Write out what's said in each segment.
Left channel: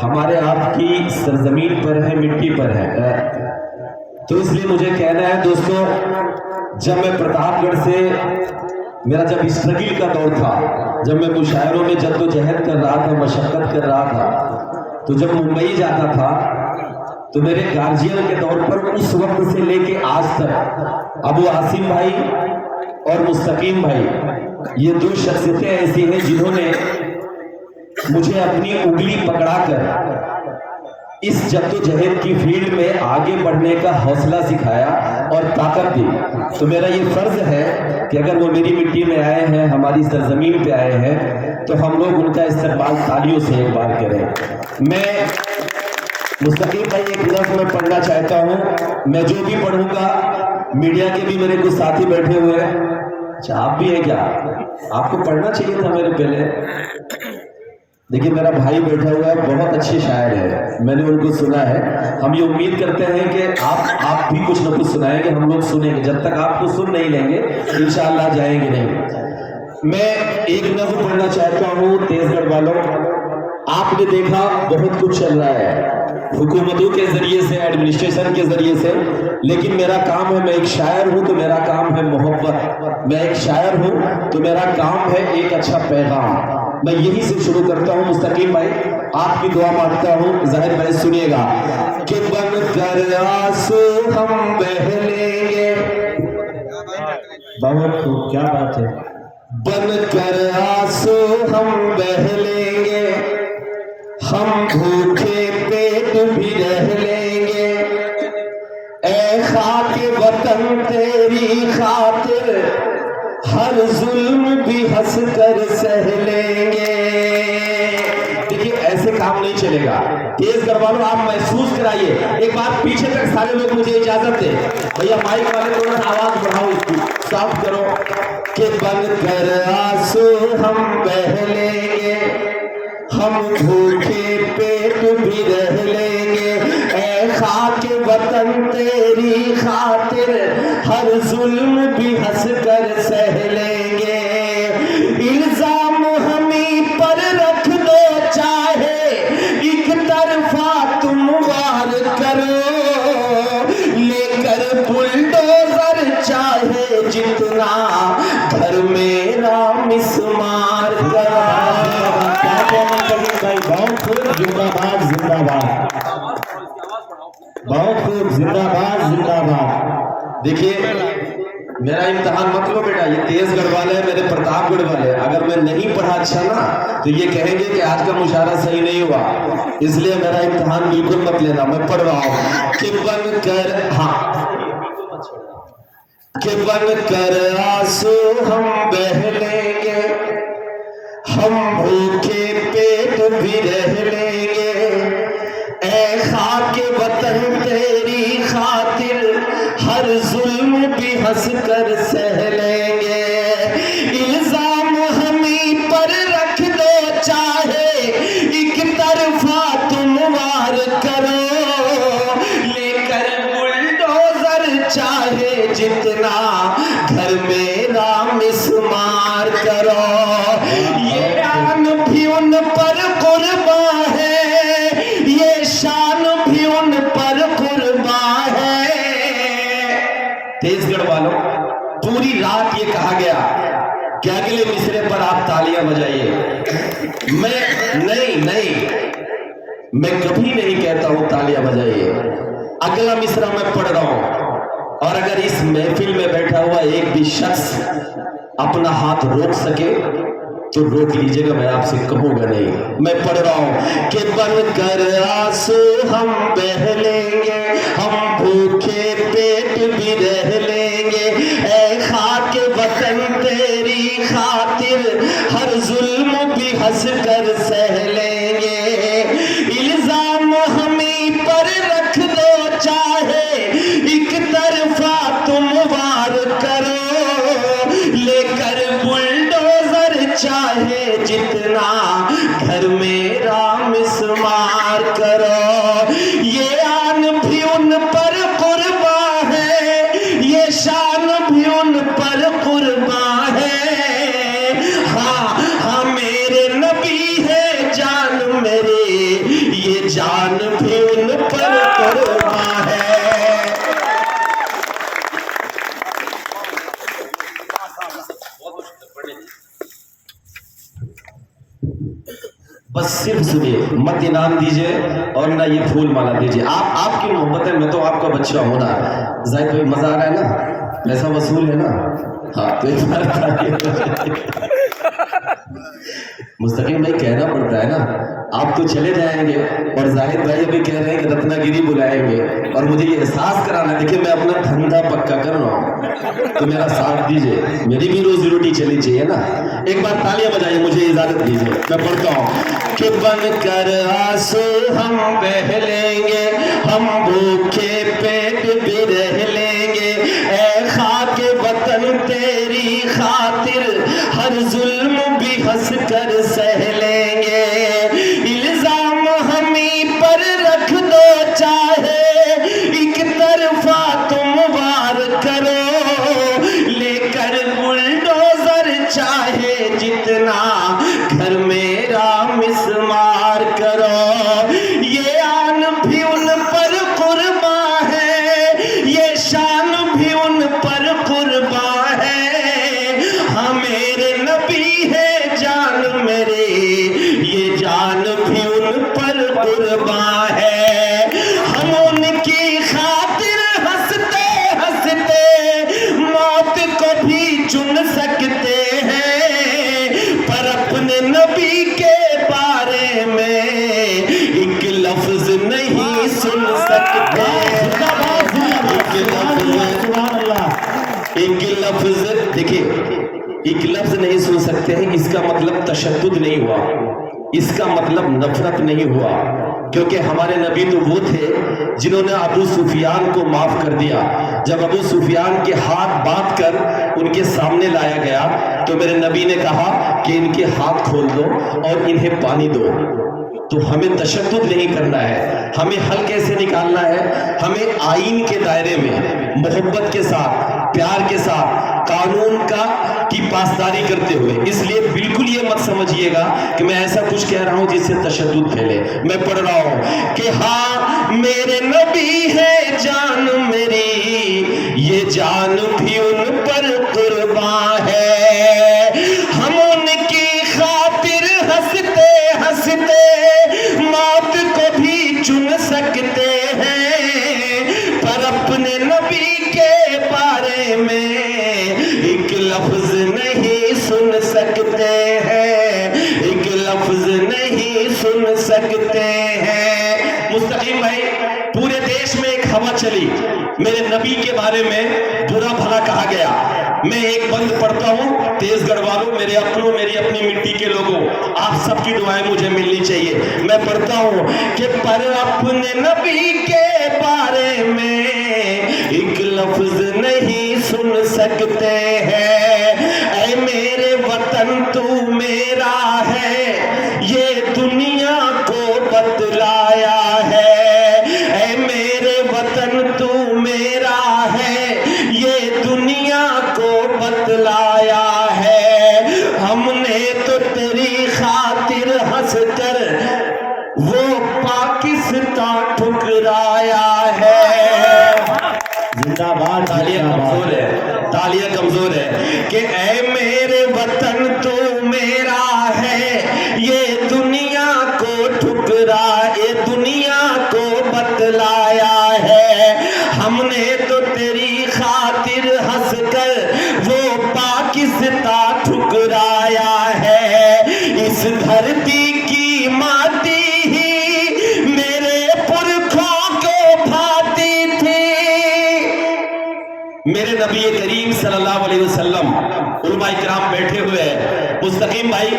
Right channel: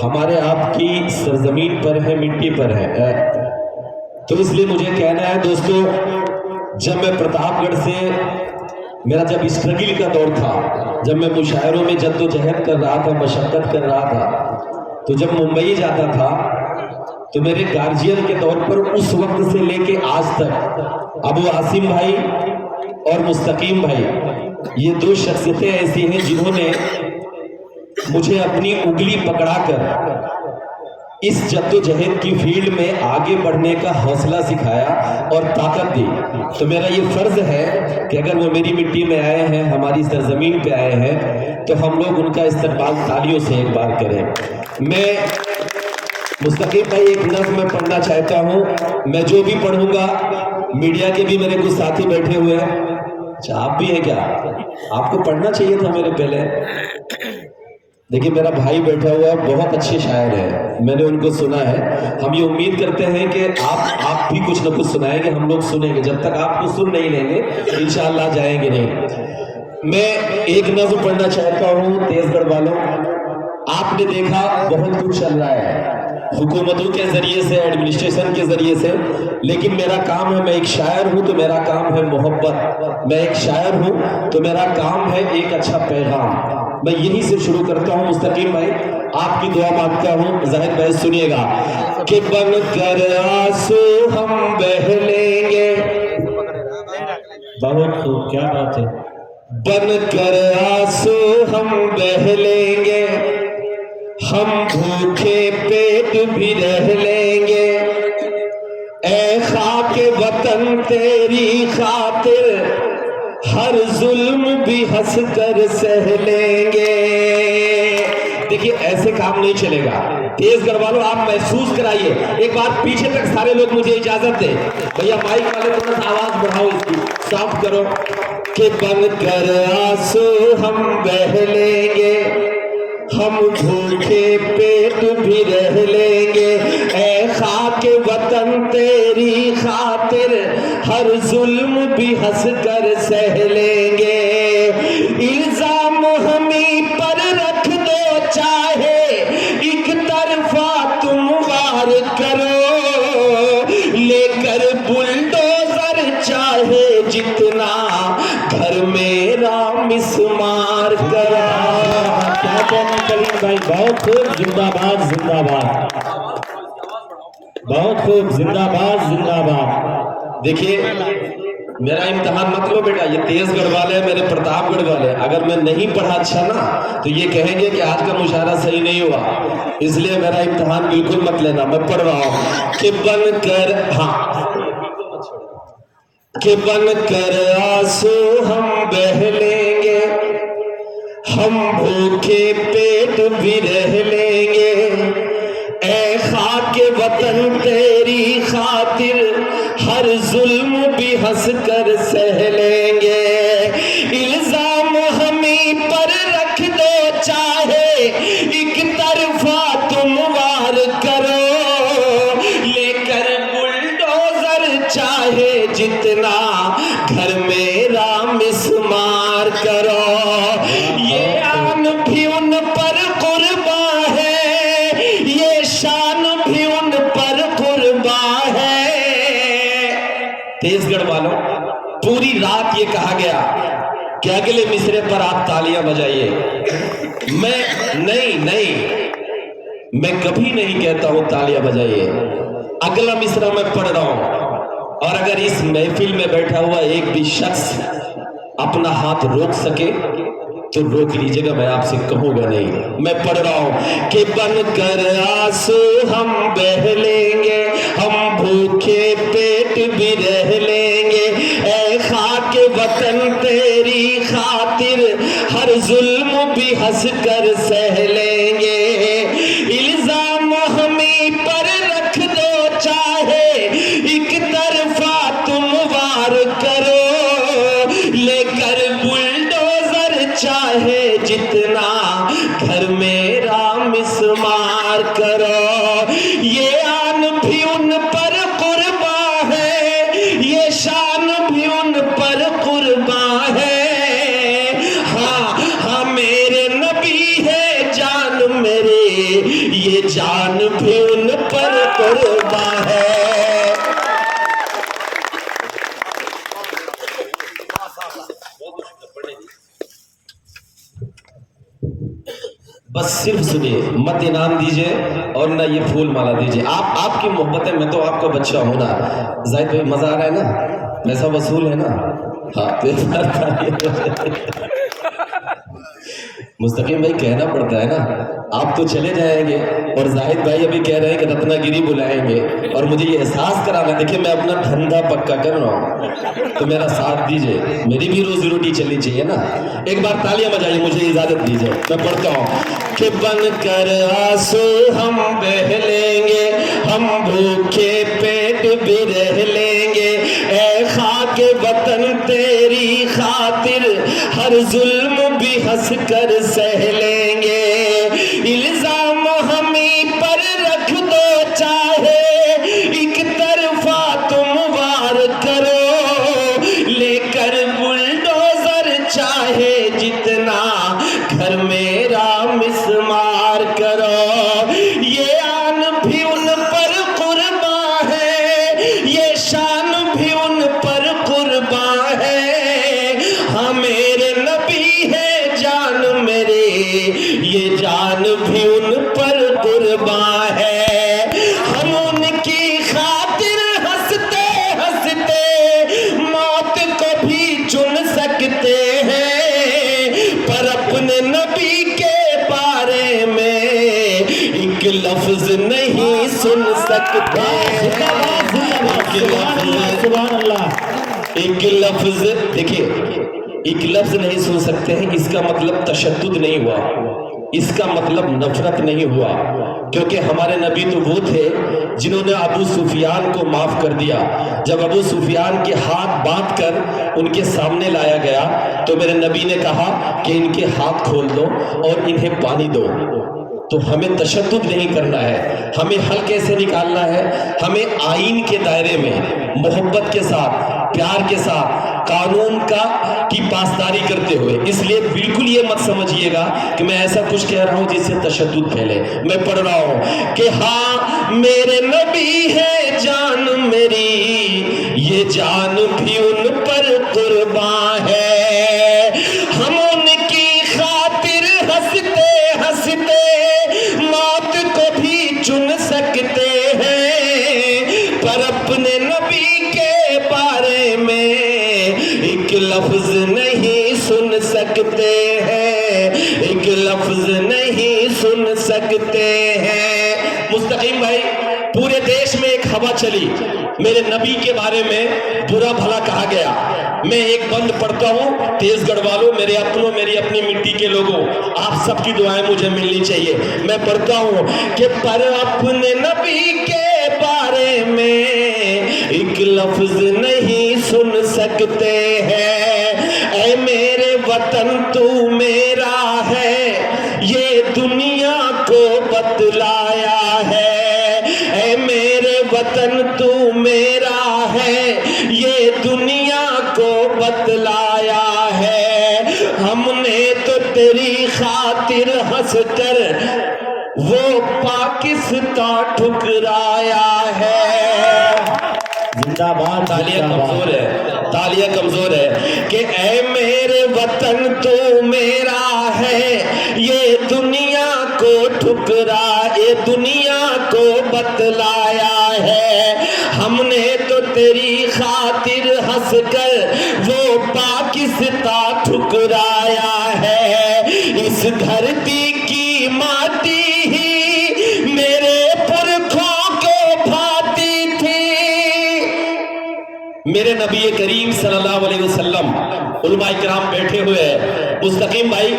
ہمارے آپ کی سرزمین پر ہے، مٹی پر ہے، تو اس لیے مجھے کہنا ہے دوستو، جب میں پرتاپ گڑھ سے میرا جب اسٹرگل کا دور تھا، جب میں مشاعروں میں جد و جہد کر رہا تھا، مشقت کر رہا تھا، تو جب ممبئی جاتا تھا تو میرے گارجین کے طور پر اس وقت سے لے کے آج تک ابو عاصم بھائی اور مستقیم بھائی، یہ دو شخصیتیں ایسی ہیں جنہوں نے مجھے اپنی انگلی پکڑا کر اس جد و جہد کی فیلڈ میں آگے بڑھنے کا حوصلہ سکھایا اور طاقت دی۔ تو میرا یہ فرض ہے کہ اگر وہ میری مٹی میں آئے ہیں، ہماری سرزمین پہ آئے ہیں، تو ہم لوگ ان کا استقبال تالیوں سے ایک بار کریں۔ میں مستقیم بھائی ایک نظم میں پڑھنا چاہتا ہوں، میں جو بھی پڑھوں گا، میڈیا کے بھی میرے کچھ ساتھی بیٹھے ہوئے ہیں، اچھا آپ بھی ہیں کیا؟ آپ کو پڑھنا چاہیے تھا میرے پہلے۔ دیکھیں میرا بھائی بیٹھا ہوا ہے، بہت اچھے شاعر ہیں، میں نے ان کو سنا ہے۔ ہم یہ امید کرتے ہیں کہ آپ بھی کچھ نہ کچھ سنائیں گے، ہم لوگ سنیں گے، جب تک آپ کو سن نہیں لیں گے انشاءاللہ جائیں گے نہیں۔ میں ایک نظم پڑھنا چاہتا ہوں تیز گڑھ والوں۔ آپ نے دیکھا بہت کچھ چل رہا ہے حکومتوں کے ذریعے سے، ایڈمنسٹریشن کے ذریعے سے، لیکن میرا کام ہے، میں ایک شاعر ہوں تو میرا کام ہے محبت، میں ایک شاعر ہوں تو میرا کام ہے ایک اچھا پیغام۔ میں یہی سے شروع کرتا ہوں۔ مستقیم بھائی آپ کی دعا مانگتا ہوں، زاہد بھائی سنیے گا کہ بن کر آنسو ہم بہہ لیں گے، بہت خوب، کیا بات ہے، بن کر آنسو ہم بہہ لیں گے، ہم بھوکے پیٹ بھی رہ لیں گے، اے خاک وطن تیری خاطر ہر ظلم بھی ہنس کر سہ لیں گے۔ دیکھیے ایسے کام نہیں چلے گا، تیز گڑھ والوں آپ محسوس کرائیے۔ ایک بات پیچھے تک سارے لوگ مجھے اجازت دے، بھیا مائک والے تھوڑا سا آواز بڑھاؤ، اس کی سافٹ کرو کہ بن کر آنسو ہم بہہ لیں گے، ہم بھوکے پیٹ بھی رہ لیں گے، اے خاک وطن تیری خاطر ہر ظلم بھی ہنس کر سہ لیں گے، الزام ہمیں پر رکھ دو چاہے ایک طرفہ تم وار کرو، لے کر بلڈوزر چاہے جتنا گھر میرا مسمار کرو۔ بہت خوب، زندہ باد زندہ باد، بہت خوب، زندہ باد زندہ باد۔ دیکھیے میرا امتحان مت لو بیٹا، یہ تیز گڑھ والے ہیں، میرے پرتاپ گڑھ والے، اگر میں نہیں پڑھا اچھا نا تو یہ کہیں گے کہ آج کا مشاعرہ صحیح نہیں ہوا، اس لیے میرا امتحان بالکل مت لینا، میں پڑھ رہا ہوں کہ بن کر، ہاں، کہ بن کر آنسو ہم بہہ لیں گے، ہم بھوکے پیٹ بھی رہ لیں گے، اے خاک وطن تیری خاطر ہر ظلم بھی ہنس کر سہ لیں گے، الزام ہمیں پر رکھ دو چاہے ایک طرفہ تم وار کرو، لے کر بلڈوزر چاہے جتنا گھر میرا مسمار کرو، یہ آن بھی ان پر قرباں ہے، یہ شان بھی ان پر قرباں ہے۔ تیز گڑھ والوں پوری رات یہ کہا گیا کہ اگلے مصرے پر آپ تالیاں بجائیے، میں کبھی نہیں کہتا ہوں تالیاں بجائیے، اگلا مصرع میں پڑھ رہا ہوں، اور اگر اس محفل میں بیٹھا ہوا ایک بھی شخص اپنا ہاتھ روک سکے تو روک لیجئے گا، میں آپ سے کہوں گا نہیں۔ میں پڑھ رہا ہوں کہ بن کر آنسو ہم بہہ لیں گے، ہم بھوکے پیٹ بھی رہ لیں گے، اے خاک وطن تیری خاطر ہر ظلم بھی ہنس کر سہ لیں گے، الزام ہمیں پر رکھ دو چاہے ایک طرفہ تم وار کرو، لے کر بلڈوزر چاہے جتنا گھر میرا مسمار کرو، یہ آن سلام دیجئے اور نہ یہ پھول مالا دیجئے. آپ کی محبت ہے, میں تو آپ کا بچہ ہوں نا. زاہد بھائی مزہ آ رہا ہے نا, پیسہ وصول ہے نا. ہاں تو ایک بار مستقیم بھائی کہنا پڑتا ہے نا, آپ تو چلے جائیں گے اور زاہد بھائی ابھی کہہ رہے ہیں کہ رتنا گیری بلائیں گے اور مجھے یہ احساس کرانا. دیکھیں میں اپنا دھندا پکا کر رہا ہوں تو میرا ساتھ دیجئے, میری بھی روزی روٹی چلنی چاہیے نا. ایک بار تالیاں بجائیے, مجھے اجازت دیجئے, میں پڑھتا ہوں کہ بن کر آنسو ہم بہہ لیں گے, ہم بھوکے پیٹ بھی رہ لیں گے, اے خاک وطن تیری خاطر ہر ظلم بھی ہنس کر سہ لیں گے. الزام ہمیں پر رکھ دو چاہے ایک طرفہ تم وار کرو, لے کر بلڈوزر چاہے جتنا گھر میرا مسمار کرو. یہ آن بھی ان پر قرباں ہے, یہ شان بھی ان پر قرباں ہے. ہاں میرے نبی ہے جان میرے, یہ جان بھی ان پر قرباں ہے. ہم ان کی خاطر ہنستے ہنستے موت کو بھی چن سکتے ہیں, پر اپنے نبی کے بارے میں ایک لفظ نہیں سن سکتے. ایک لفظ دیکھیں, ایک لفظ نہیں سن سکتے ہیں, اس کا مطلب تشدد نہیں ہوا, اس کا مطلب نفرت نہیں ہوا, کیونکہ ہمارے نبی تو وہ تھے جنہوں نے ابو سفیان کو معاف کر دیا. جب ابو سفیان کے ہاتھ باندھ کر ان کے سامنے لایا گیا تو میرے نبی نے کہا کہ ان کے ہاتھ کھول دو اور انہیں پانی دو. تو ہمیں تشدد نہیں کرنا ہے, ہمیں حل کیسے نکالنا ہے, ہمیں آئین کے دائرے میں محبت کے ساتھ, پیار کے ساتھ, قانون کی پاسداری کرتے ہوئے. اس لیے بالکل یہ مت سمجھیے گا کہ میں ایسا کچھ کہہ رہا ہوں جس سے تشدد پھیلے. میں پڑھ رہا ہوں کہ ہاں میرے نبی ہے جان میری, یہ جان بھی ان پر قرباں ہے. ہم ان کی خاطر ہنستے ہنستے موت کو بھی چن سکتے ہیں, پر اپنے نبی کے بارے میں ایک لفظ نہیں سن سکتے ہیں, ایک لفظ نہیں سن سکتے ہیں. مستقیم بھائی, پورے دیش میں ایک ہوا چلی, میرے نبی کے بارے میں برا بھلا کہا گیا. میں ایک بند پڑھتا ہوں, تیز گڑھ والوں, میرے اپنوں, میری اپنی مٹی کے لوگوں, آپ سب کی دعائیں مجھے ملنی چاہیے. میں پڑھتا ہوں کہ پر اپنے نبی کے بارے میں ایک لفظ نہیں سن سکتے ہیں. اے میرے وطن تو میرا ہے, یہ دنیا کو بتلایا ہے. اے میرے وطن تو میرا ہے, یہ دنیا کو بتلایا ہے. ہم نے تو تیری خاطر ہنس کر وہ پاکستان ٹھکرایا ہے. زندہ باد. تالیاں کمزور ہے, تالیاں کمزور ہے کہ اے میرے وطن تو میرا ہے, یہ دنیا کو ٹھکرا, یہ دنیا کو بتلایا ہے. ہم نے تو تیری خاطر ہنس کر وہ پاکستان ٹھکرایا ہے. اس دھرتی کی ماٹی ہی میرے پرکھوں کو بھاتی تھی. میرے نبی کریم صلی اللہ علیہ وسلم, علماء کرام بیٹھے ہوئے ہیں. مستقیم بھائی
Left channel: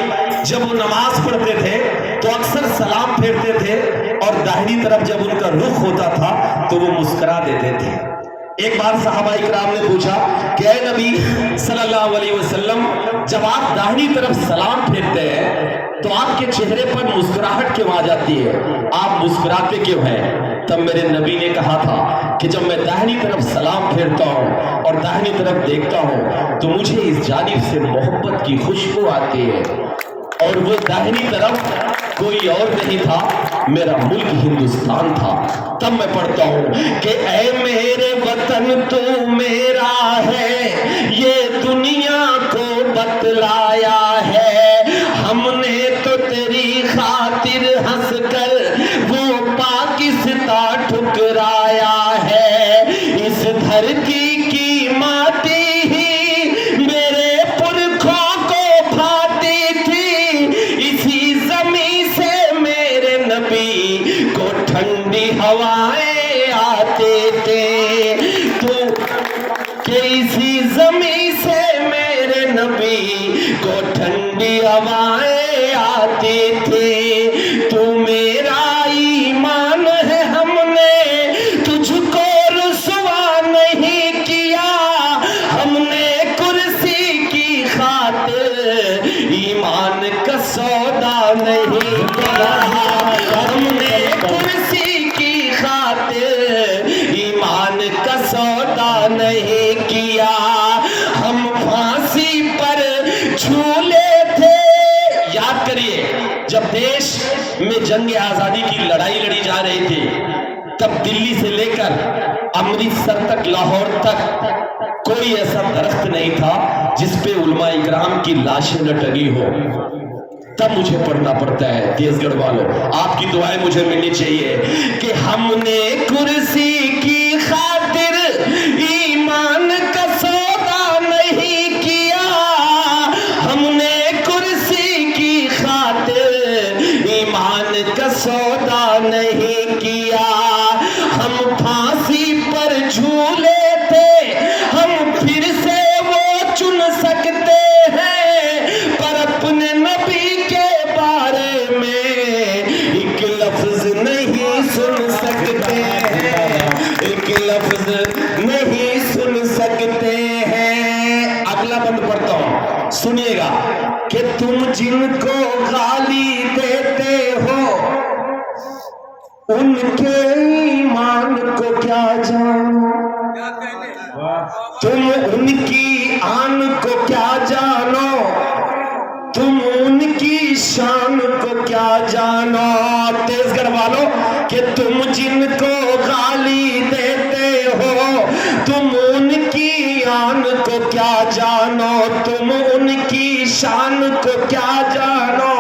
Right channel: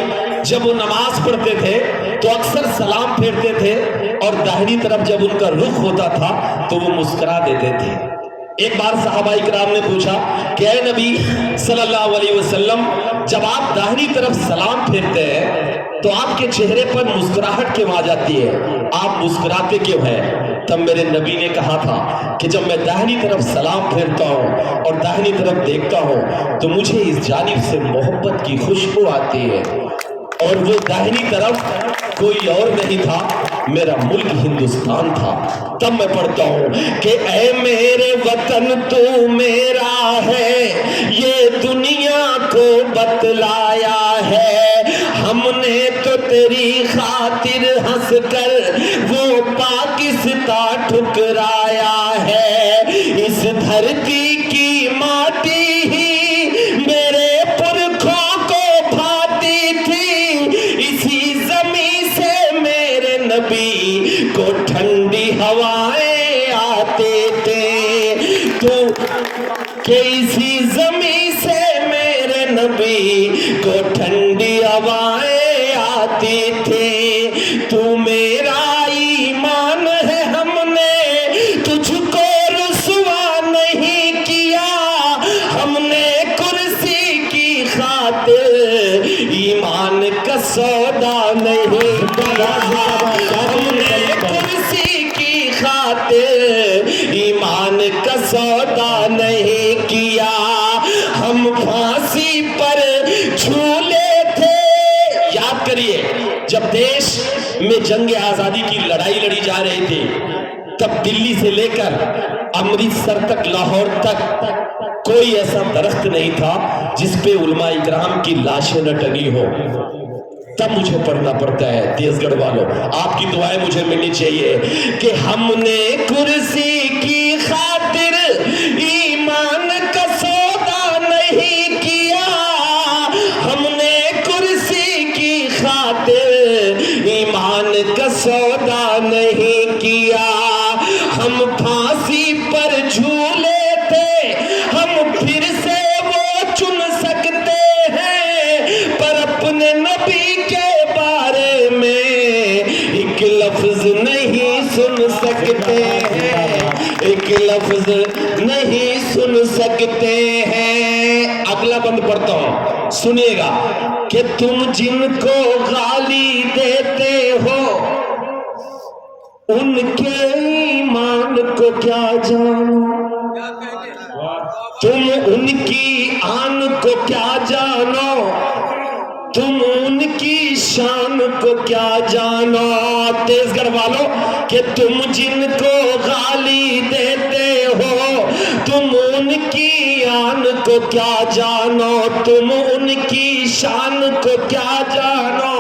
جب وہ نماز پڑھتے تھے تو اکثر سلام پھیرتے تھے اور داہنی طرف جب ان کا رخ ہوتا تھا تو وہ مسکرا دیتے تھے. ایک بار صحابہ کرام نے پوچھا کہ اے نبی صلی اللہ علیہ وسلم, جب آپ داہنی طرف سلام پھیرتے ہیں تو آپ کے چہرے پر مسکراہٹ کیوں آ جاتی ہے, آپ مسکراتے کیوں ہیں؟ تب میرے نبی نے کہا تھا کہ جب میں داہنی طرف سلام پھیرتا ہوں اور داہنی طرف دیکھتا ہوں تو مجھے اس جانب سے محبت کی خوشبو آتی ہے, اور وہ داہنی طرف کوئی اور نہیں تھا, میرا ملک ہندوستان تھا. تب میں پڑھتا ہوں کہ اے میرے وطن تو میرا ہے, یہ دنیا کو بتلایا ہے. ہم نے تو تیری خاطر ہنس کر لایا ہے اس دھرتی کی ماٹی ہی میرے پرکھوں کو بھاتی تھی اسی زمین سے میرے نبی کو ٹھنڈی ہوائیں آتے تھے تو کہ اسی زمین سے میرے نبی کو ٹھنڈی ہوائیں آتی تھی تو میرا ایمان ہے ہم نے تجھ کو رسوا نہیں کیا ہم نے کرسی کی خاطر ایمان کا سودا نہیں کیا ہم نے کرسی کی خاطر ایمان کا سودا نہیں کیا ہم پھانسی پر جھولے تھے یاد کریے جب دیش میں جنگ آزادی کی لڑائی لڑی جا رہی تھی تب دلی سے لے کر امرتسر تک لاہور تک کوئی ایسا درخت نہیں تھا جس پہ علماء اکرام کی لاشیں نہ ٹنگی ہو تب مجھے پڑھنا پڑتا ہے تیز گڑھ والوں آپ کی دعائیں مجھے ملنی چاہیے کہ ہم نے کرسی کی خاطر ایمان کا سودا نہیں کیا ہم نے کرسی کی خاطر ایمان کا سودا نہیں کیا ہم پھانسی پر جھولے تھے ہم پھر سے وہ چن سکتے ہیں پر اپنے نبی کے بارے میں ایک لفظ نہیں سن سکتے ہیں ایک لفظ نہیں سن سکتے ہیں اگلا بند پڑھتا ہوں سنیے گا کہ تم جن کو گالی دیتے ہو ان کے ایمان کو کیا جانو تم ان کی آن کو کیا جانو تم ان کی شان کو کیا جانو تیز گڑھ والوں کہ تم جن کو گالی دیتے ہو تم ان کی آن کو کیا جانو تم ان کی شان کو کیا جانو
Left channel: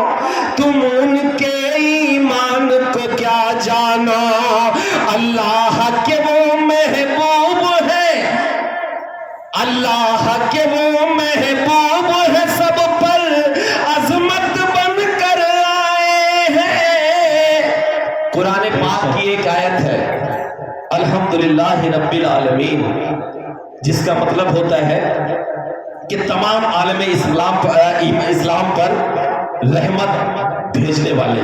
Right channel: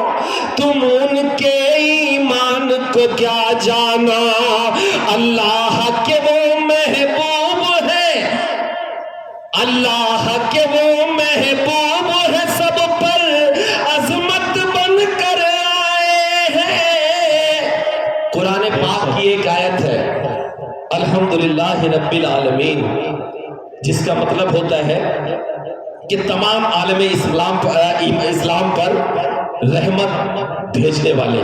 تم ان کے ایمان کو کیا جانو اللہ کے وہ محبوب ہے اللہ کے وہ محبوب ہے سب پر عظمت بن کر آئے ہیں قرآن پاک کی ایک آیت ہے الحمدللہ رب العالمین جس کا مطلب ہوتا ہے کہ تمام عالم اسلام پر رحمت بھیجنے والے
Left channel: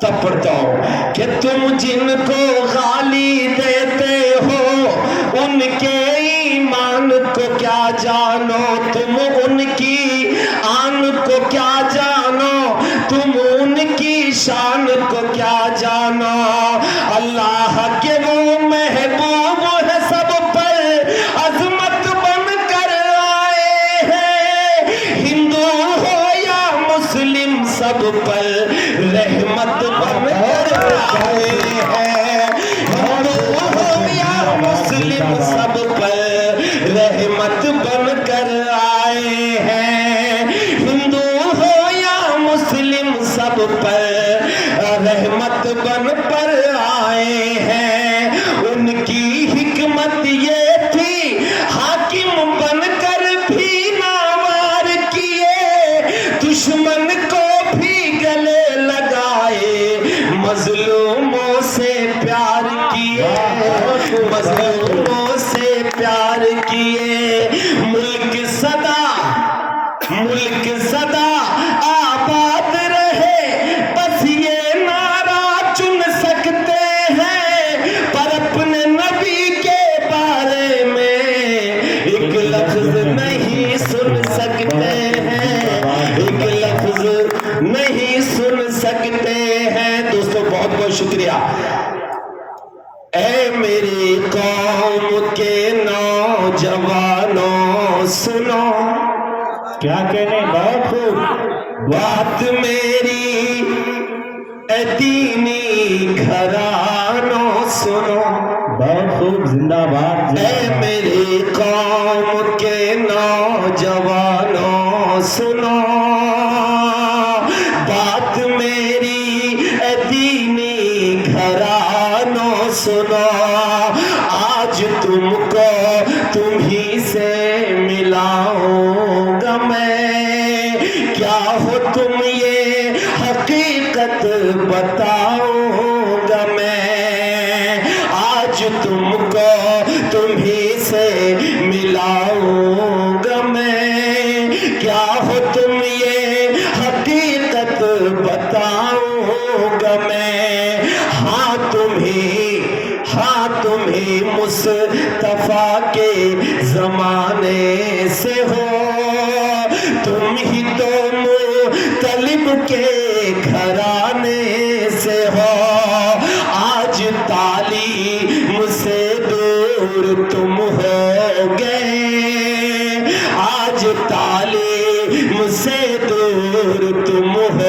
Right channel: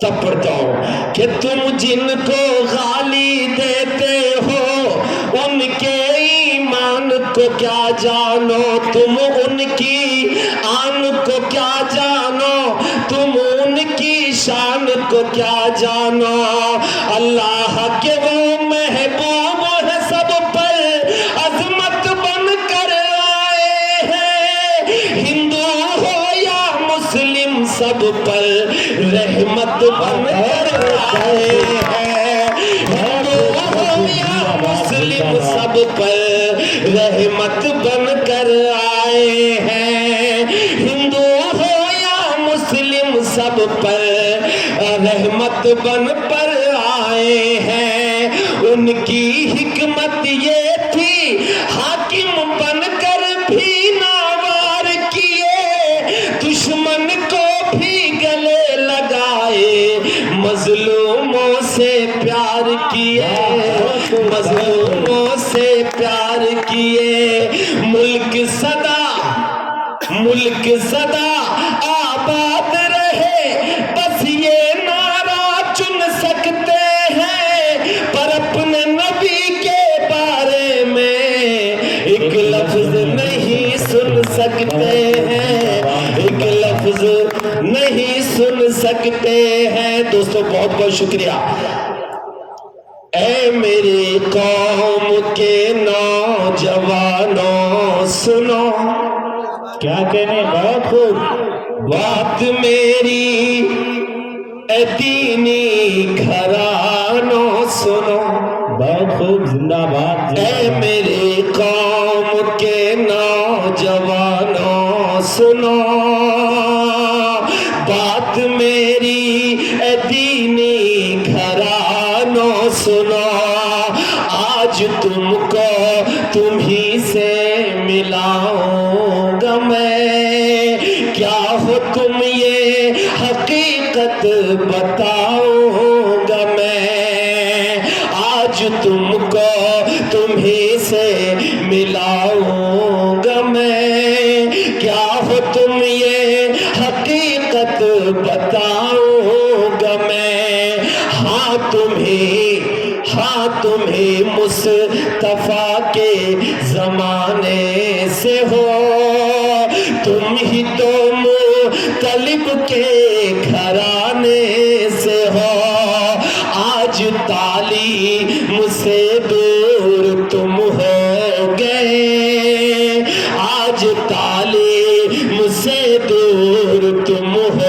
تب پڑھتا ہوں کہ تم جن کو گالی دیتے ہو ان کے ایمان کو کیا جانو تم ان کی آن کو کیا جانو تم ان کی شان کو کیا جانو اللہ کے وہ محبوب ہے سب پر عظمت بن کر آئے ہیں ہندو ہو یا مسلم سب پر رحمت بن کر آئے ہیں ہندو ہو یا مسلم سب پر رحمت بن کر آئے ہیں ہندو ہو یا مسلم سب پر رحمت بن کر آئے ہیں ان کی حکمت یہ تھی حاکم بن کر بھی ناوار کیے دشمن کو بھی گلے لگائے مظلوموں سے پیار کیے مظلوموں سے پیار کیے ملک صدا آباد رہے بس یہ نعرہ چن سکتے ہیں پر اپنے نبی کے بارے میں ایک لفظ نہیں سن سکتے ہیں ایک لفظ نہیں سن سکتے ہیں دوستو بہت بہت شکریہ اے میری قوم کے نوجوانوں سنو کیا کہنے بہت خوب بات میری اے دینی گھرانوں سنو بہت خوب زندہ باد اے میری قوم کے نوجوانوں سنو بات میری اے دینی گھرانوں سنو آج تم کو تمہیں سے ملاؤں گا میں، کیا ہو تم یہ حقیقت بتاؤں گا میں، آج تم کو تمہیں سے ملاؤں گا میں، کیا ہو تم یہ حقیقت بتاؤں گا میں، تمہیں مصطفیٰ کے زمانے سے ہو، تم ہی تو مطلب کے گھرانے سے ہو، آج تعلیم سے دور تم ہو گئے، آج تعلیم سے دور تم ہو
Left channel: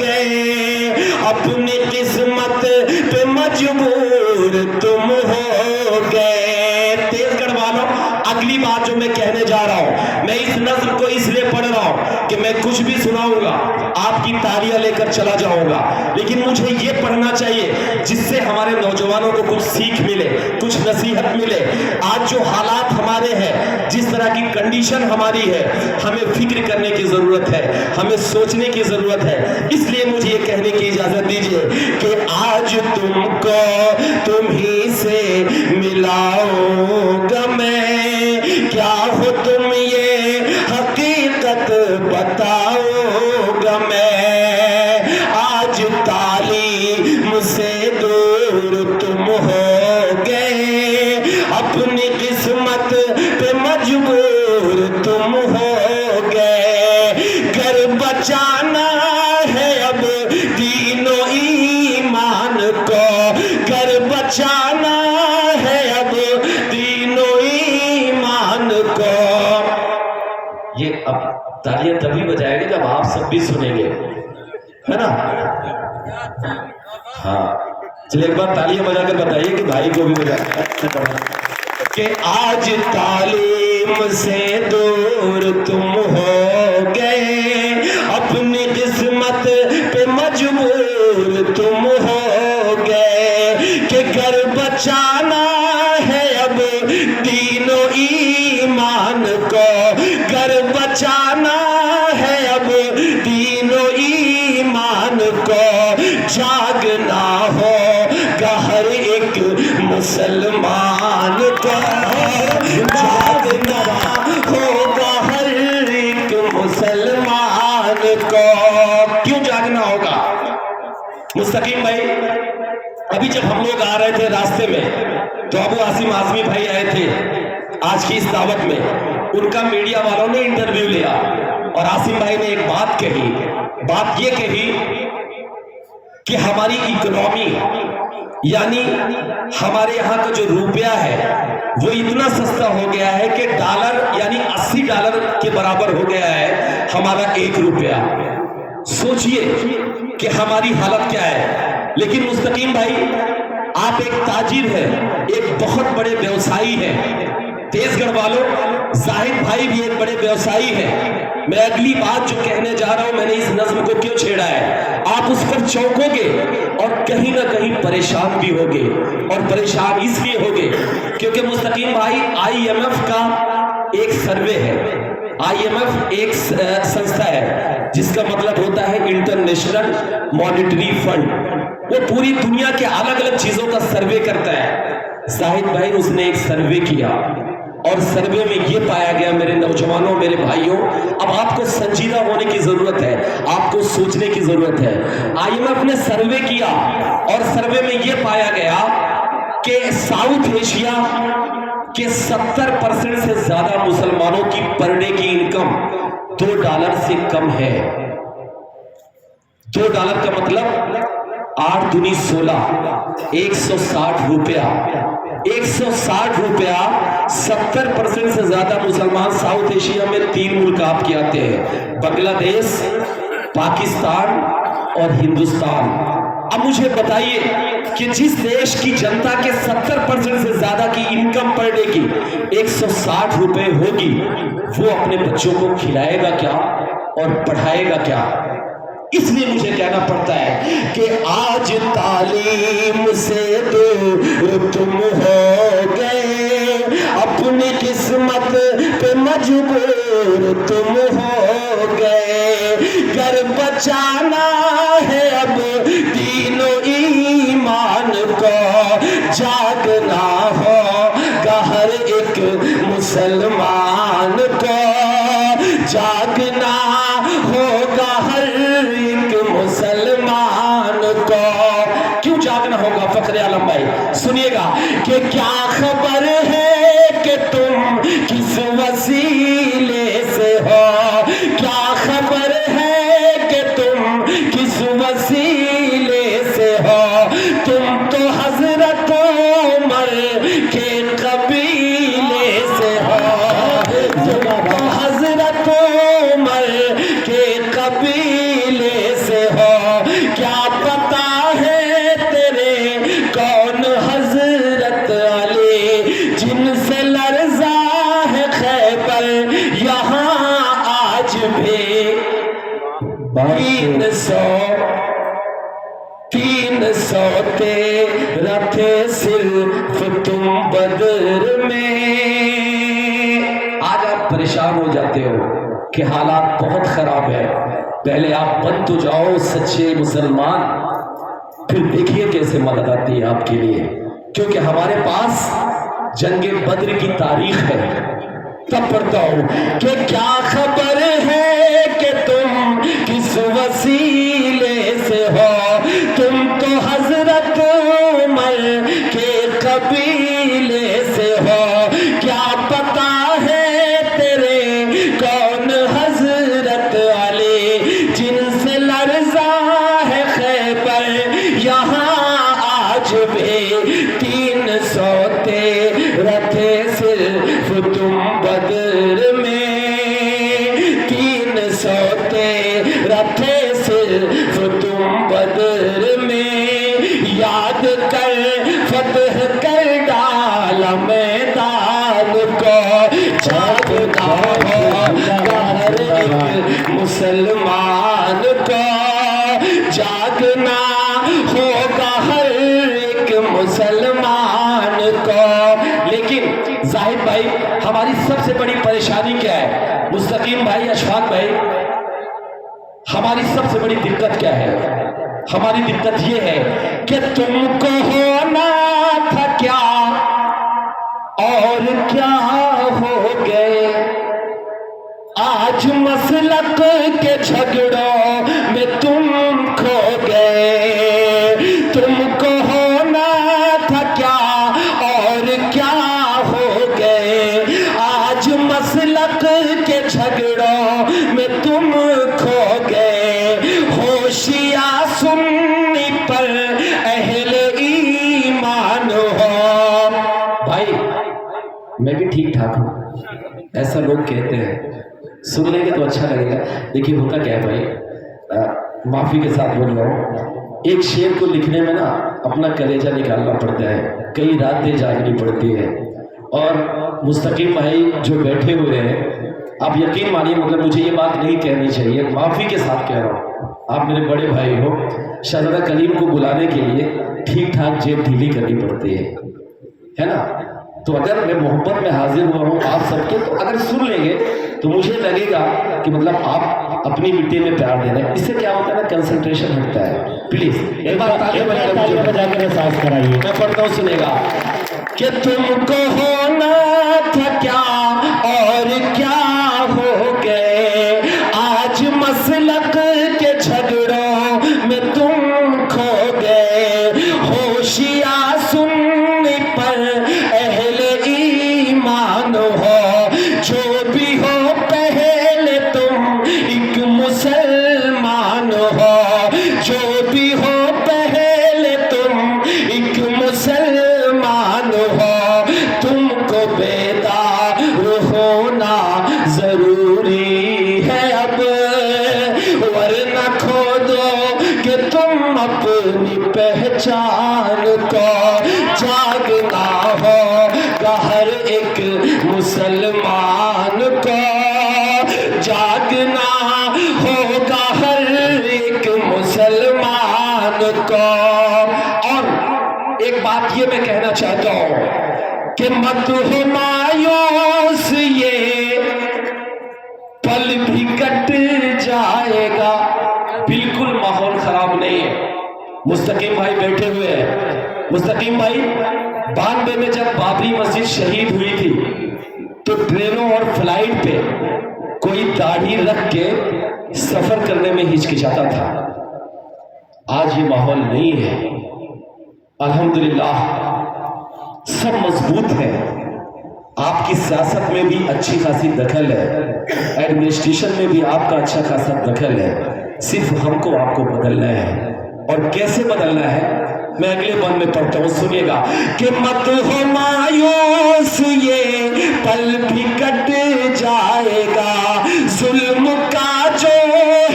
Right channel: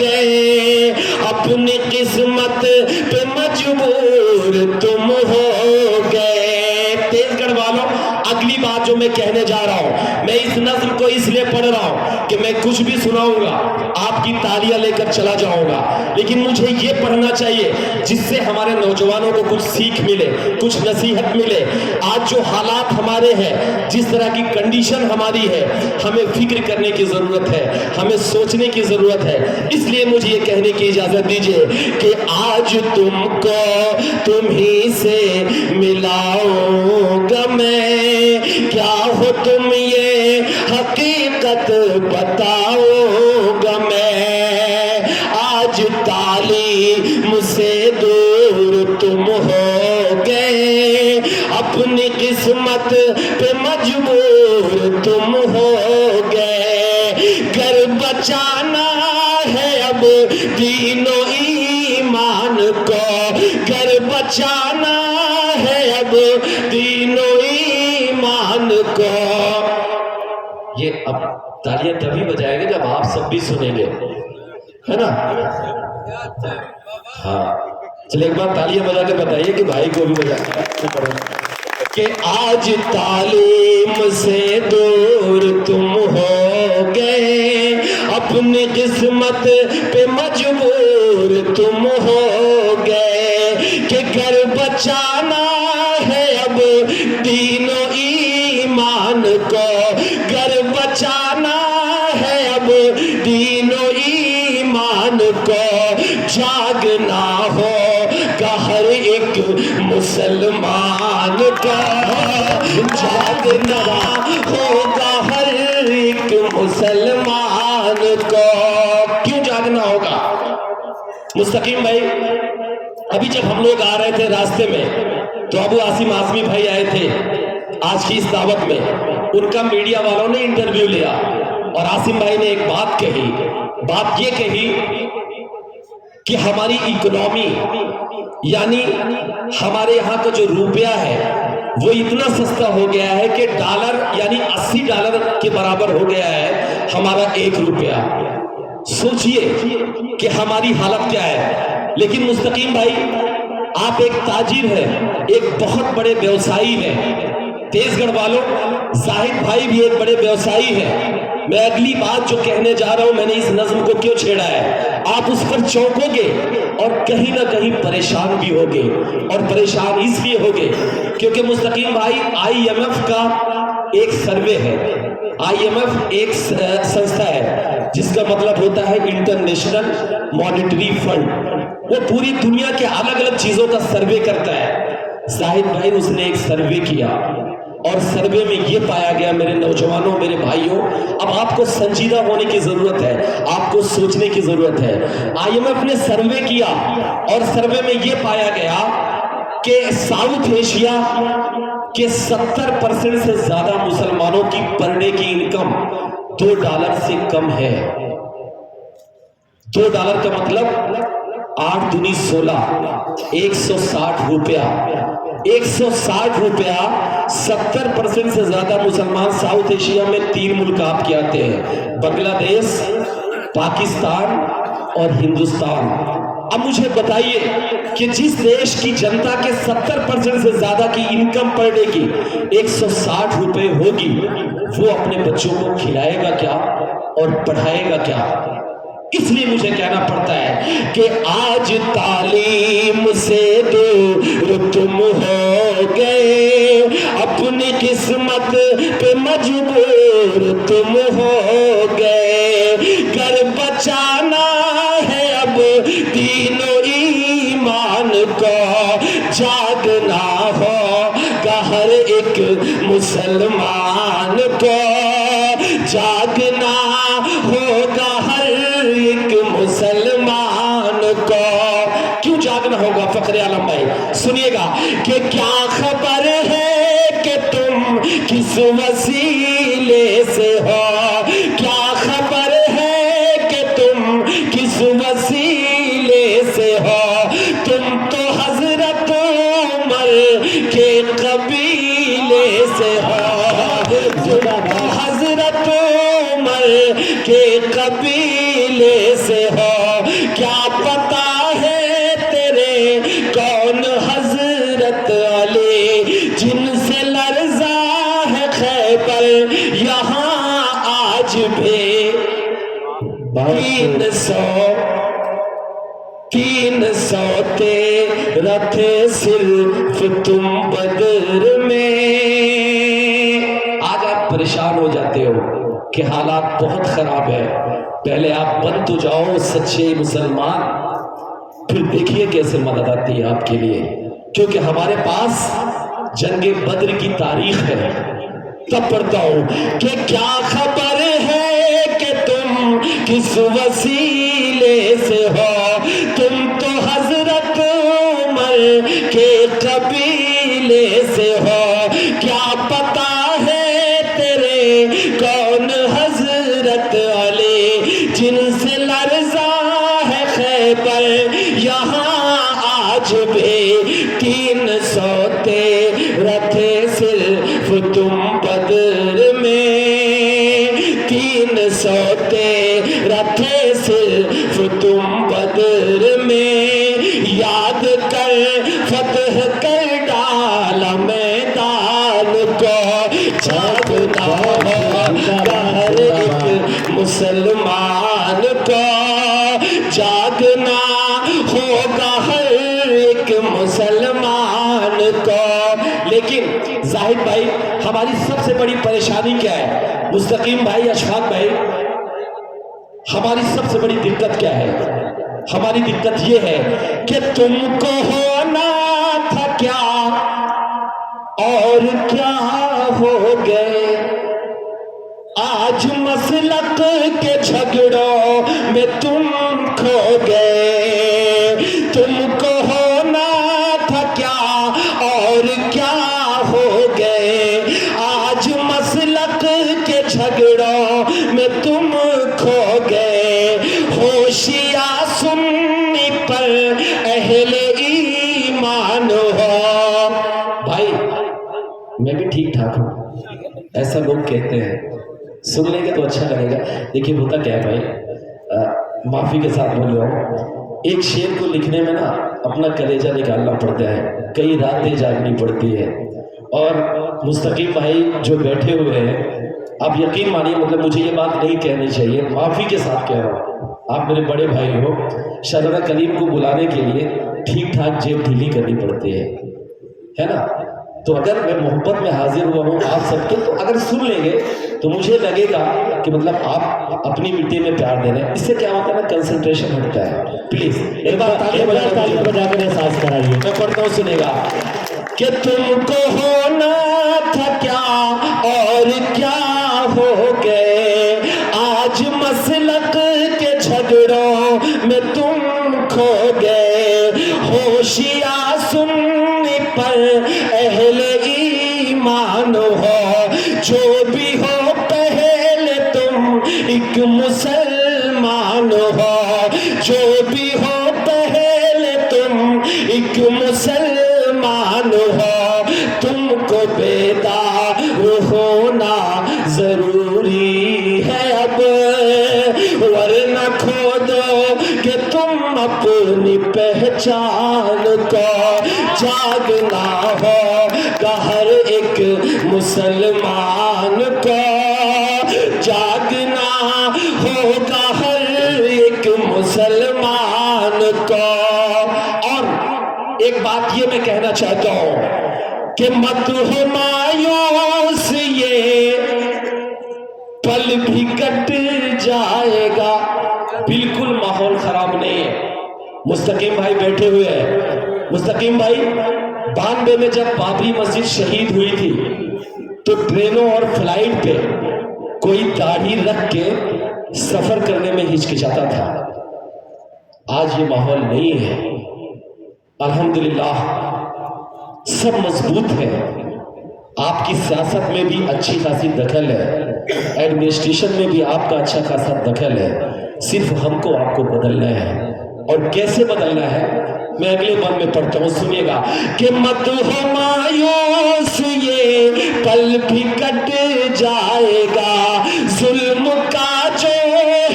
گئے، اپنی قسمت پہ مجبور تم ہو گئے۔ تیز گڑھ والوں، اگلی بات جو میں کہنے جا رہا ہوں، میں اس نظم کو اس لیے پڑھ رہا ہوں کہ میں کچھ بھی سناؤں گا آپ کی تالیاں لے کر چلا جاؤں گا، لیکن مجھے یہ پڑھنا چاہیے جس سے ہمارے نوجوانوں کو کچھ سیکھ ملے، کچھ نصیحت ملے۔ آج جو حالات ہمارے ہیں، جس طرح کی کنڈیشن ہماری ہے، ہمیں فکر کرنے کی ضرورت ہے، ہمیں سوچنے کی ضرورت ہے، اس لیے مجھے یہ کہنے کی اجازت دیجیے کہ آج تم کو تمہیں سے ملاؤں گا میں، کیا ہو تم یہ حقیقت بتاؤں گا میں، آج تعلیم سے دور تم ہو گئے، اپنی قسمت پہ مجبور تم ہو گئے، گھر بچانا ہے اب دین و ایمان کو، گھر بچانا ہے اب دین و ایمان کو۔ یہ اب تالیاں تبھی بجائے گا جب آپ سب بھی سنیں گے، ہے نا؟ ہاں چلے ایک بار تالیاں بجا کے بتائیے کہ بھائی کو بھی کہ آج تعلیم سے دور تم ہو گئے، اپنی قسمت پہ مجبور تم ہو گئے، کہ گھر بچانا ہے اب دین و ایمان کو، گھر بچانا ہے اب دین و ایمان کو، جاگنا ہوگا ہر ایک مسلمان کو، جاگنا ہوگا ہر ایک مسلمان کو۔ کیوں جاگنا ہوگا؟ مستقیم بھائی، ابھی جب ہم لوگ آ رہے تھے راستے میں تو ابو عاصم اعظمی بھائی آئے تھے آج کی اس دعوت میں، ان کا میڈیا والوں نے انٹرویو لیا اور عاصم بھائی نے ایک بات کہی، بات یہ کہی کہ ہماری اکنامی یعنی ہمارے یہاں کا جو روپیہ ہے وہ اتنا سستا ہو گیا ہے کہ ڈالر یعنی 80 ڈالر کے برابر ہو گیا ہے ہمارا 1 روپیہ۔ سوچئے کہ ہماری حالت کیا ہے۔ لیکن مستقیم بھائی، آپ ایک تاجر ہیں، ایک بہت بڑے بیوسائی ہیں، تیز گڑھ والوں زاہد بھائی بھی ایک بڑے بیوسائی ہیں۔ میں اگلی بات جو کہنے جا رہا ہوں، میں نے اس نظم کو کیوں چھیڑا ہے، آپ اس پر چونکو گے اور کہیں نہ کہیں پریشان بھی ہوگے، اور پریشان اس لیے ہوگے کیونکہ مستقیم بھائی IMF کا ایک سروے ہے۔ IMF ایک سنستھا ہے جس کا مطلب ہوتا ہے انٹرنیشنل مانیٹری فنڈ، وہ پوری دنیا کے الگ الگ چیزوں کا سروے کرتا ہے۔ زاہد بھائی اس نے ایک سروے کیا اور سروے میں یہ پایا گیا، میرے نوجوانوں، میرے بھائیوں، اب آپ کو سنجیدہ ہونے کی ضرورت ہے، آپ کو سوچنے کی ضرورت ہے۔ IMF نے سروے کیا اور سروے میں یہ پایا گیا کہ ساؤتھ ایشیا کے 70% سے زیادہ مسلمانوں کی پر ڈے کی انکم $2 سے کم ہے۔ $2 کا مطلب 8 دونی 16، 160 روپیہ، 160 روپیہ 70% سے زیادہ مسلمان ساؤتھ ایشیا میں 3 ملک آپ کے آتے ہیں، بنگلہ دیش، پاکستان اور ہندوستان۔ اب مجھے بتائیے کہ جس دیش کی جنتا کے 70% سے زیادہ کی انکم پر ڈے کی 160 روپے ہوگی، وہ اپنے بچوں کو کھلائے گا کیا اور پڑھائے گا کیا؟ اس لیے مجھے کہنا پڑتا ہے کہ آج تعلیم سے دور تم ہو گئے، اپنی قسمت پہ مجبور تم ہو گئے، گھر بچانا ہے اب دین و ایمان کو، جاگنا ہوگا ہر ایک مسلمان کو، جاگنا ہوگا ہر ایک مسلمان کو۔ کیوں جاگنا ہوگا فخر عالم بھائی؟ سنیے گا کہ کیا خبر ہے کہ تم کس وسیلے سے ہو، کیا خبر ہے کہ تم کس وسیلے سے ہو، تم تو حضرت عمر کے قبیلے سے ہو، تم تو حضرت عمر کے قبیلے سے ہو، کیا پتا ہے تیرے کون حضرت علی، جن سے لرزا ہے خیبر یہاں آج بھی، 300 تیرا تھے صرف تم بدر میں۔ آج آپ پریشان ہو جاتے ہو کہ حالات بہت خراب ہے، پہلے آپ بن تو جاؤ سچے مسلمان، پھر دیکھیے کیسے مدد آتی ہے آپ کے لیے، کیونکہ ہمارے پاس جنگ بدر کی تاریخ ہے۔ تب پڑھتا ہوں کہ کیا خبر ہے کہ تم کس وسیلے سے ہو، تم تو حضرت عمر کے قبیلے سے ہو، کیا پتا ہے تیرے کون حضرت علی، جن سے لرزا ہے خیبر یہاں آج بھی، 300 تیرا تھے صرف تم بدر میں، 300 تیرا تھے صرف تم بدر میں، یاد کر فتح کر ڈالا میدان کو، جاگنا ہوگا ہر ایک مسلمان کو، جاگنا ہوگا ہر ایک مسلمان کو۔ لیکن زاہد بھائی ہماری سب سے بڑی پریشانی کیا ہے؟ مستقیم بھائی، اشفاق بھائی، ہماری سب سے بڑی دقت کیا ہے؟ ہماری دقت یہ ہے کہ تم کو ہونا تھا کیا اور کیا ہو گئے، آج مسلک کے جھگڑوں میں تم کھو گئے، تم کو ہونا تھا کیا اور کیا ہو گئے، آج مسلک کے جھگڑوں میں تم کھو گئے، ہوشیار سنی پر اہل ایمان ہو۔ بھائی میں بھی ٹھیک ٹھاک ہوں، ایسا لوگ کہتے ہیں، سن لیں گے تو اچھا لگے گا۔ دیکھیے ہوتا کیا ہے بھائی، معافی کے ساتھ بول رہا ہوں، ایک شعر کو لکھنے میں نا اپنا کلیجہ نکالنا پڑتا ہے، کئی راتیں جاگنی پڑتی ہے، اور مستقیم بھائی جو بیٹھے ہوئے ہیں، آپ یقین مانیے مطلب مجھے یہ بات نہیں کہنی چاہیے، معافی کے ساتھ کہہ رہا ہوں، آپ میرے بڑے بھائی ہو، شہزادہ کلیم کو بلانے کے لیے ٹھیک ٹھاک جیب ڈھیلی کرنی پڑتی ہے نا؟ تو اگر میں محبت میں حاضر ہوا ہوں آپ سب کے، تو اگر سن لیں گے تو مجھے لگے گا کہ مطلب آپ اپنی مٹی میں پیار دے رہے ہیں، اس سے کیا ہوتا ہے نا، کنسنٹریشن ہٹتا ہے۔ پلیز ایک بار تالی بجا کر احساس کرائیے، میں پڑھتا ہوں سنے گا کہ تم کو ہونا تھا کیا اور کیا ہو گئے، آج مسلک کے جھگڑوں میں تم کھو گئے، ہوشیار سنی پر اہل ایمان ہو، جو بھی ہو پہلے تم ایک مسلمان ہو، جو بھی ہو پہلے تم ایک مسلمان ہو، تم کو بیدار ہونا ضروری ہے اب، ورنہ کھو دو کہ تم اپنی پہچان کو، جاگنا ہوگا ہر ایک مسلمان کو، جاگنا ہوگا ہر ایک کہ مت ہو مایوس یہ پل بھی کٹ جائے گا. بالکل ماحول خراب نہیں ہے. مستقیم بھائی بیٹھے ہوئے ہیں. مستقیم بھائی 92 میں جب بابری مسجد شہید ہوئی تھی تو ٹرینوں اور فلائٹ پہ کوئی داڑھی رکھ کے سفر کرنے میں ہچکچاتا تھا. آج یہ ماحول نہیں ہے. الحمدللہ سب مضبوط ہے. آپ کی سیاست میں بھی اچھی خاصی دخل ہے, ایڈمنسٹریشن میں بھی آپ کا اچھا خاصا دخل ہے. صرف ہم کو آپ کو بدلنا ہے. اور کیسے بدلنا ہے میں اگلے بند میں پڑھتا ہوں, سنیے گا. کہ مت ہو مایوس یہ پل بھی کٹ جائے گا, ظلم کا جو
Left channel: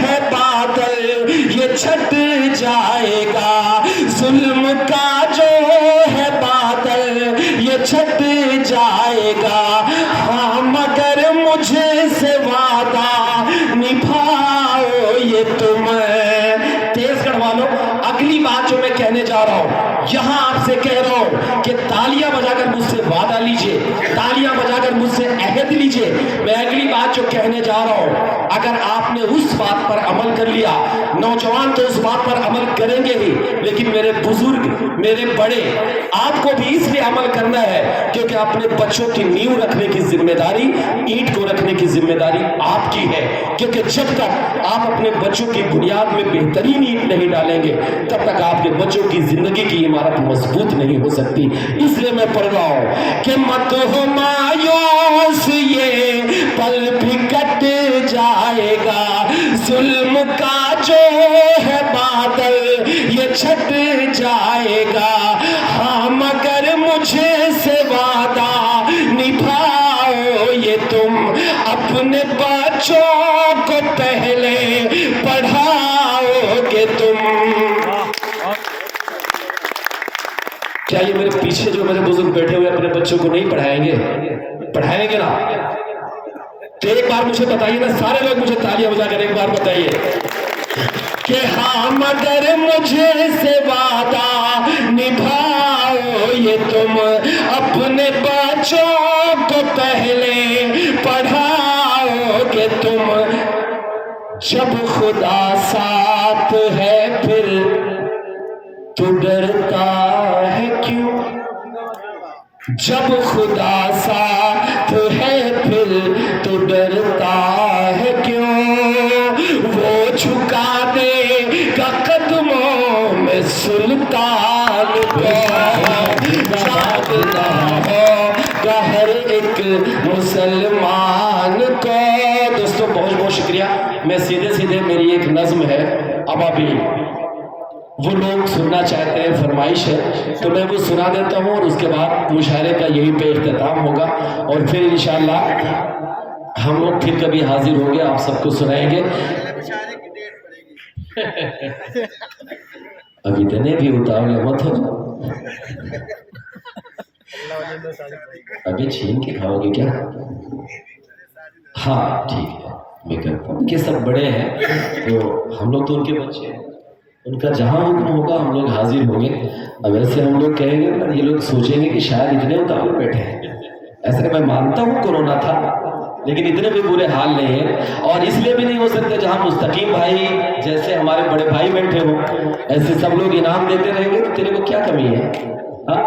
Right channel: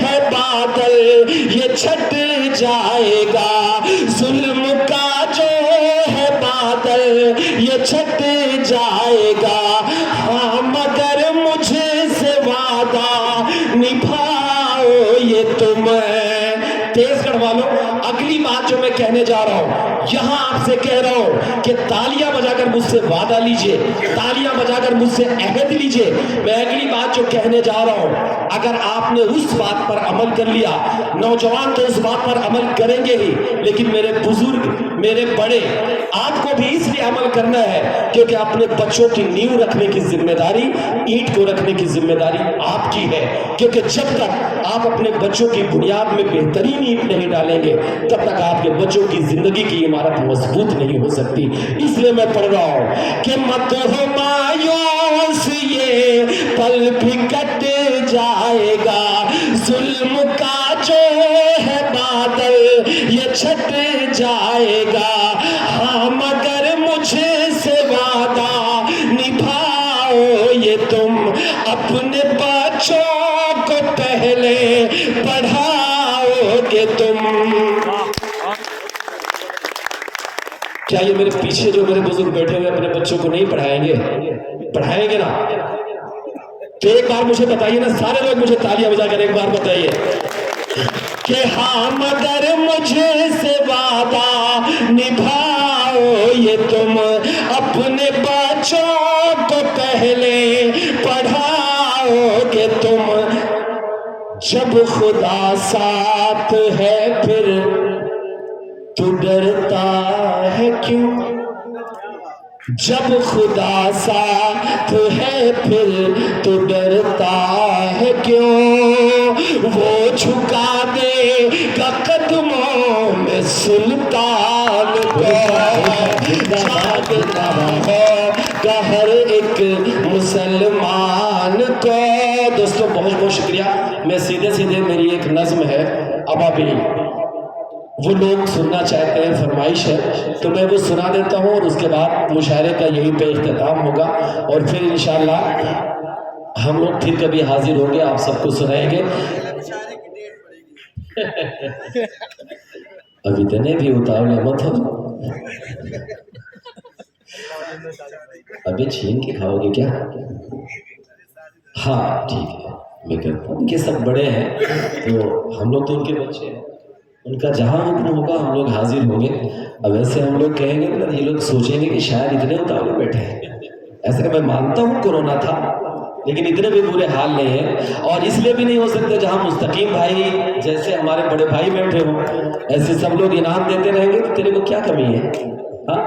ہے بادل یہ چھٹ جائے گا, ظلم کا جو ہے بادل یہ چھٹ جائے گا. ہاں مگر مجھے سے وعدہ نبھاؤ یہ تم. تیز کڑوا لو. اگلی بات جو میں کہنے جا رہا ہوں یہاں آپ سے کہہ رہا ہوں کہ تالیاں بجا کر مجھ سے وعدہ لیجئے, تالیاں بجا کر مجھ سے عہد لیجئے. میں اگلی بات جو کہنے جا رہا ہوں اگر آپ نے اس بات پر عمل کر لیا, نوجوان تو اس بات پر عمل کریں گے ہی, لیکن میرے بزرگ میرے بڑے آپ کو بھی اس لیے عمل کرنا ہے کیونکہ اپنے بچوں کی نیو رکھنے کی ذمہ داری, اینٹ کو رکھنے کی ذمہ داری آپ کی ہے. کیونکہ جب تک آپ اپنے بچوں کی بنیاد میں بہترین اینٹ نہیں ڈالیں گے تب تک آپ کے بچوں کی زندگی کی عمارت مضبوط نہیں ہو سکتی. اس لیے میں پڑھ رہا ہوں کہ مت ہو مایوس یہ پل بھی کٹ جائے گا, ظلم کا جو ہے بادل یہ چھٹ جائے گا. ہاں مگر مجھے سے وعدہ نبھاؤ یہ تم, اپنے بچوں کو پہلے پڑھاؤ گے تم. کیا یہ میرے پیچھے جو میرے بزرگ بیٹھے ہوئے اپنے بچوں کو نہیں پڑھائیں گے؟ پڑھائیں گے نا؟ تو ایک بار مجھے بتائیے نا, سارے لوگ مجھے تالیاں بجا کر ایک بار بتائیے کہ ہاں مگر مجھے سے وعدہ نبھاؤ یہ تم, اپنے بچوں کو پہلے پڑھاؤ گے تم. جب خدا ساتھ ہے پھر تو ڈرتا ہے کیوں, جب خدا ساتھ ہے پھر تو ڈرتا ہے کیوں, وہ جھکا دے گا قدموں میں سلطان کو, جاگنا ہوگا ہر ایک مسلمان کو. دوستوں بہت بہت شکریہ. میں سیدھے میری ایک نظم ہے, اب ابھی وہ لوگ سننا چاہتے ہیں, فرمائش ہے تو میں وہ سنا دیتا ہوں, اور اس کے بعد مشاعرے کا یہی پہ اختتام ہوگا, اور پھر انشاءاللہ ہم لوگ پھر کبھی حاضر ہوں گے, آپ سب کو سنائیں گے. ابھی تنے بھی اتاؤ مت ہو, ابھی چھین کے کھاؤ گے کیا؟ ہاں ٹھیک ہے, میں کرتا ہوں کہ سب بڑے ہیں تو ہم لوگ تو ان کے بچے ہیں, ان کا جہاں حکم ہوگا ہم لوگ حاضر ہوں گے. اب ایسے ہم لوگ کہیں گے نا, یہ لوگ سوچیں گے کہ شاید اتنے اتاؤ بیٹھے ہیں. ایسے میں مانتا ہوں کورونا تھا, لیکن اتنے بھی برے حال نہیں ہیں, اور اس لیے بھی نہیں ہو سکتا جہاں مستقیم بھائی جیسے ہمارے بڑے بھائی بیٹھے ہوں ایسے سب لوگ انعام دیتے رہیں گے تو تیرے کو کیا کمی ہے؟ ہاں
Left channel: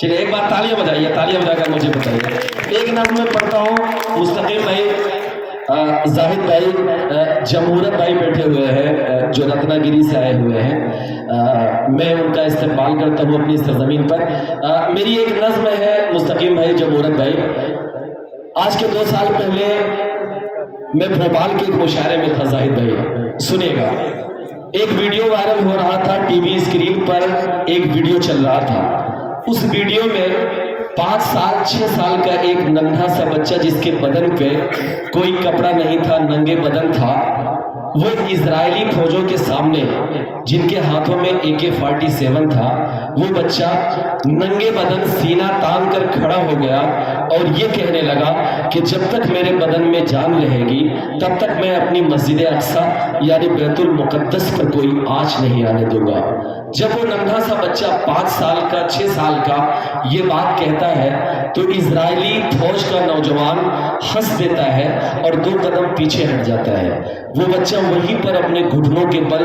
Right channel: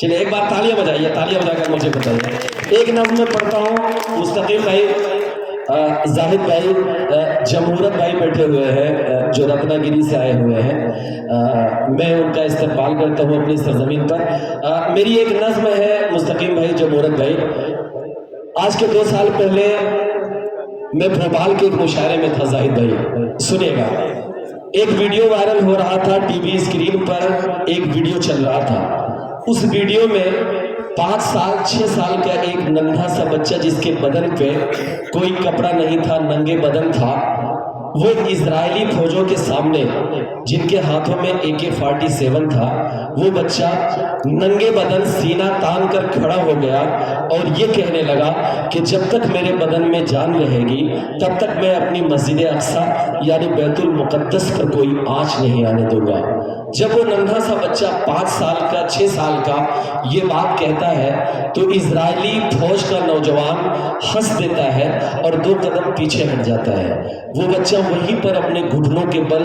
چلیے ایک بار تالیاں بجائیے, تالیاں بجا کر مجھے بتائیے. ایک نظم میں پڑھتا ہوں. مستقیم بھائی, زاہد بھائی, جمہورت بھائی بیٹھے ہوئے ہیں جو رتنا گیری سے آئے ہوئے ہیں, میں ان کا استقبال کرتا ہوں اپنی سرزمین پر. میری ایک نظم ہے مستقیم بھائی, جمہورت بھائی. آج کے 2 سال پہلے میں بھوپال کے ایک مشاعرے میں تھا. زاہد بھائی سنیے گا, ایک ویڈیو وائرل ہو رہا تھا ٹی وی اسکرین پر, ایک ویڈیو چل رہا تھا. اس ویڈیو میں 5 سال 6 سال کا ایک ننھا سا بچہ جس کے بدن پہ کوئی کپڑا نہیں تھا, ننگے بدن تھا, وہ اسرائیلی فوجوں کے سامنے جن کے ہاتھوں میں AK-47 تھا, وہ بچہ ننگے بدن سینہ تان کر کھڑا ہو گیا اور یہ کہنے لگا کہ جب تک میرے بدن میں جان رہے گی تب تک میں اپنی مسجد اقصی یعنی بیت المقدس پر کوئی آنچ نہیں آنے دوں گا. جب وہ ننھا سا بچہ 5 سال کا 6 سال کا یہ بات کہتا ہے تو اسرائیلی فوج کا نوجوان ہنس دیتا ہے اور 2 قدم پیچھے ہٹ جاتا ہے. وہ بچہ وہیں پر اپنے گھٹنوں کے بل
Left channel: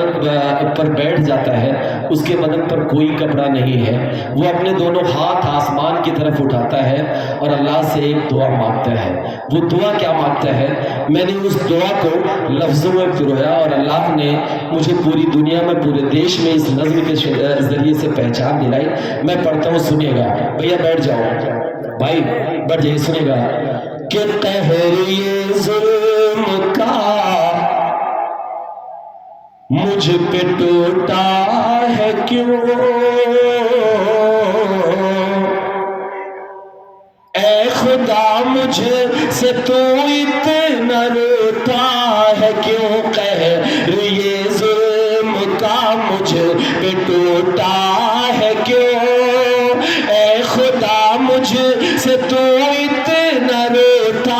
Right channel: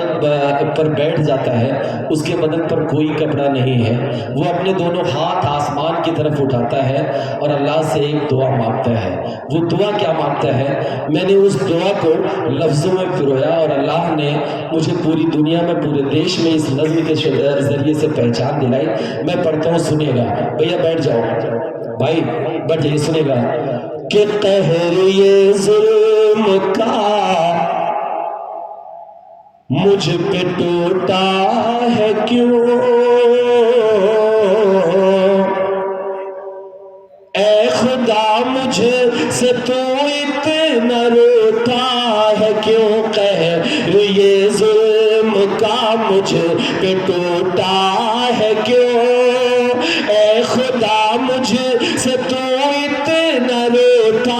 پر بیٹھ جاتا ہے. اس کے بدن پر کوئی کپڑا نہیں ہے. وہ اپنے دونوں ہاتھ آسمان کی طرف اٹھاتا ہے اور اللہ سے ایک دعا مانگتا ہے. وہ دعا کیا مانگتا ہے؟ میں نے اس دعا کو لفظوں میں پرویا اور اللہ نے مجھے پوری دنیا میں پورے دیش میں اس نظم کے ذریعے سے پہچان دلائی. میں پڑھتا ہوں, سنیے گا. بھیا بیٹھ جاؤ بھائی, بیٹھ جائیے, سنیے گا. کہ قہر یہ ظلم کا مجھ پہ ٹوٹا ہے کیوں, اے خدا مجھ سے تو اتنا روتا ہے کیوں, قہر یہ ظلم کا مجھ پہ ٹوٹا ہے کیوں, اے خدا مجھ سے تو اتنا روتا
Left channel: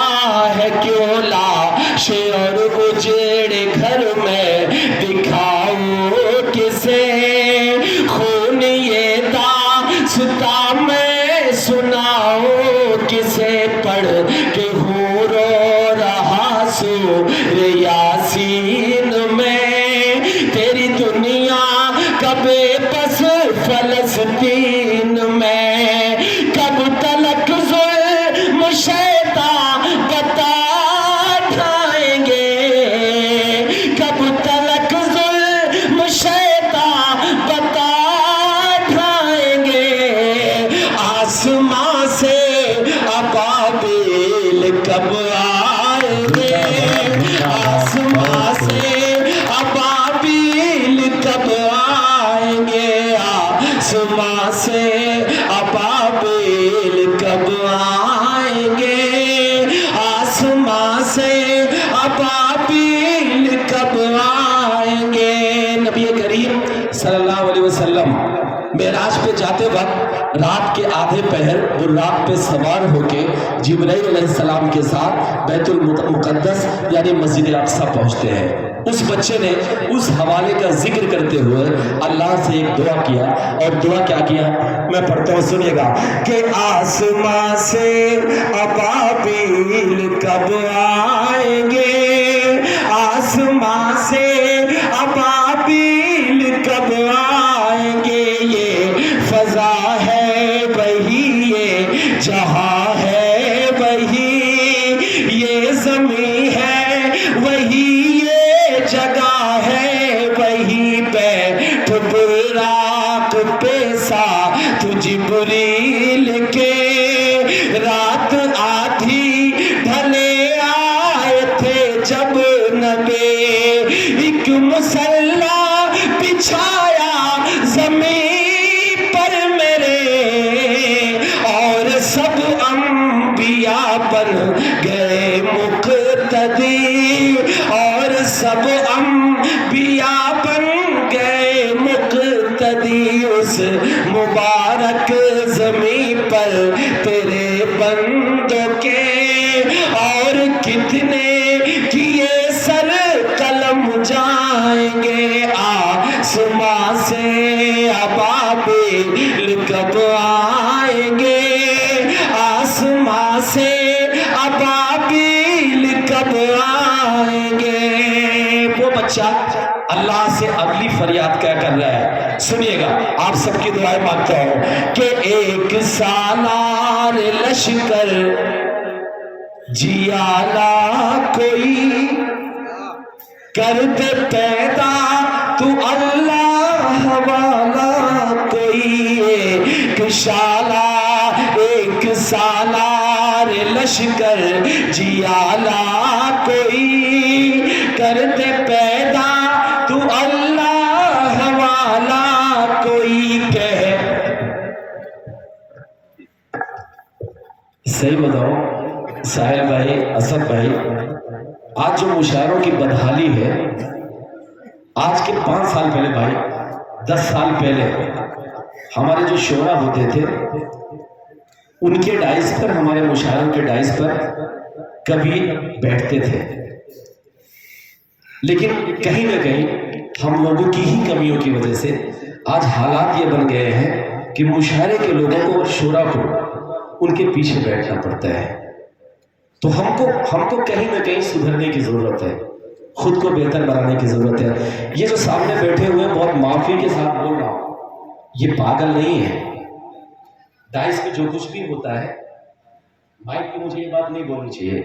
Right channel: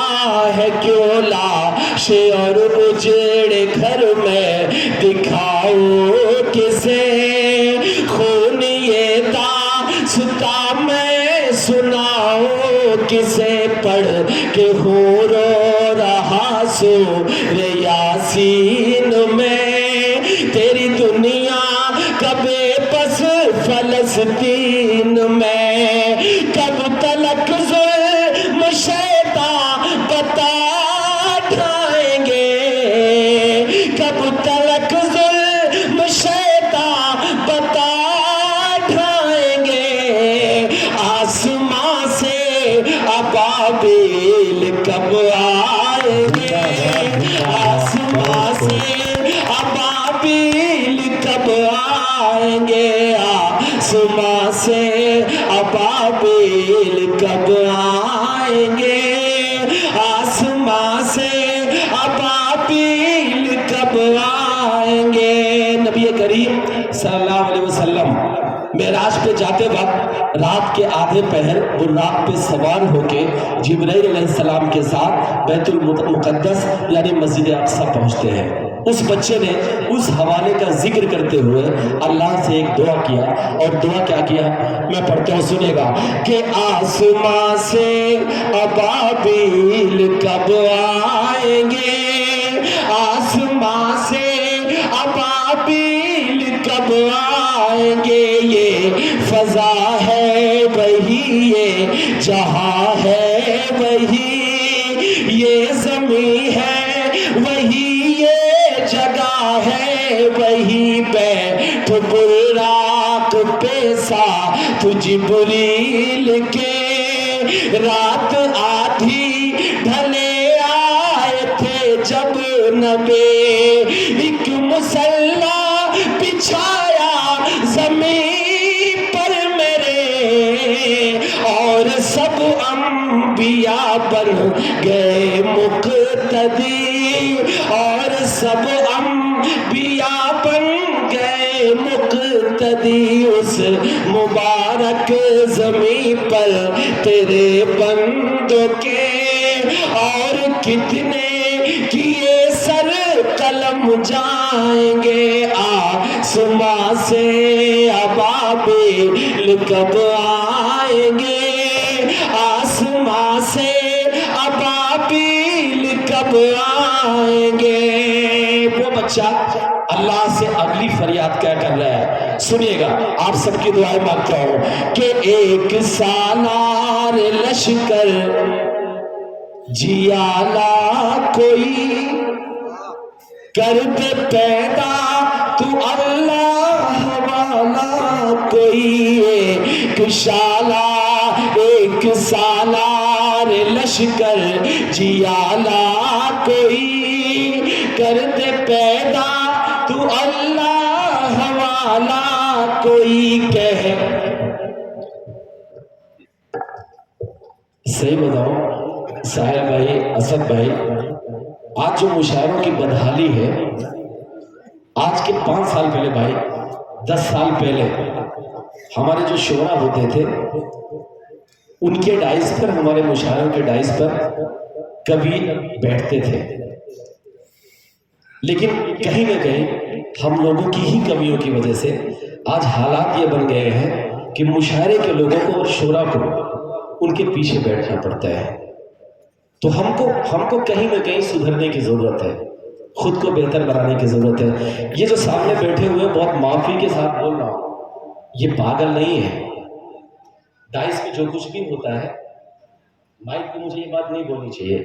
ہے کیوں, لاش اور اجڑے گھر میں دکھاؤ کسے, خون یہ داستان میں سناؤ کسے, پڑھ کے ہوں رو رہا سورہ یاسین میں, تیری دنیا کب پس فلسطین میں, کب تلک ظلم شیطان بتا ڈھائیں گے, کب تلک ظلم شیطان بتا ڈھائیں گے, آسمان سے ابابیل کب آئیں گے, آسمان سے ابابیل کب آئیں گے, آسمان سے ابابیل کب آئیں گے, آسمان سے ابابیل کب آئیں گے. نبی کریم صلی اللہ علیہ وسلم معراج پہ جاتے وقت رات کے آدھے پہر وہ رات پہ سوار ہو کے جبرائیل علیہ السلام کے ساتھ بیت المقدس یعنی مسجد اقصی پہنچتے ہیں. اس بچے نے اس حوالے کا ذکر کرتے ہوئے اللہ سے ایک دعا کیا, اور دعا کیا کیا میں پڑھتا ہوں, سنیے گا. کہ آسمان سے ابابیل کب آئیں گے, آسمان سے ابابیل کب آئیں گے, یہ فضا ہے وہی, یہ جہاں ہے وہی, یہ زمین ہے وہی, یہ جگہ ہے وہی, بیٹھ براق پہ ساتھ جبریل کے, رات آدھی ڈھلے آئے تھے جب نبی, ایک مسلح بچھایا زمین پر میرے, اور سب انبیاء بن گئے مقتدی, اور سب انبیاء بن گئے مقتدی, اس مبارک زمین پر تیرے بندوں کے, اور کتنے کیے سر قلم جائیں گے, آسمان سے ابابیل کب آئیں گے, آسمان سے ابابیل کب آئیں گے. وہ بچہ اللہ سے اگلی فریاد کیا کر رہا ہے, سنیے گا. آپ سب کی دعائیں مانگتا ہوں کہ ایک سالار لشکر جیالا کوئی کر دے پیدا تو اللہ والا کوئی, ایک شالا ایک سالار لشکر جیالا کوئی کر دے پیدا تو اللہ والا کوئی, کہے صحیح بتاؤ ساحل بھائی, اسد بھائی, آج جو مشاعروں کی بدحالی ہے, آج کے 5 سال پہلے بھائی 10 سال پہلے ہمارے جو شعرا ہوتے تھے ان کے ڈائس پر, ہمارے مشاعروں کے ڈائس پر کبھی بیٹھتے تھے, لیکن کہیں نہ کہیں ہم لوگوں کی ہی کمیوں کی وجہ سے آج حالات یہ بن گئے ہیں کہ مشاعرے کے لوگوں کو، شورا کو ان کے پیچھے بیٹھنا پڑتا ہے. تو ہم کو کہیں نہ کہیں سدھرنے کی ضرورت ہے، خود کو بہتر بنانے کی ضرورت ہے. یہ جو سامنے بیٹھے ہوئے بہت معافی کے ساتھ بول رہا ہوں، یہ پاگل نہیں ہے. ڈائس میں جو کچھ بھی ہوتا ہے، مائک پہ مجھے یہ بات نہیں بولنی چاہیے،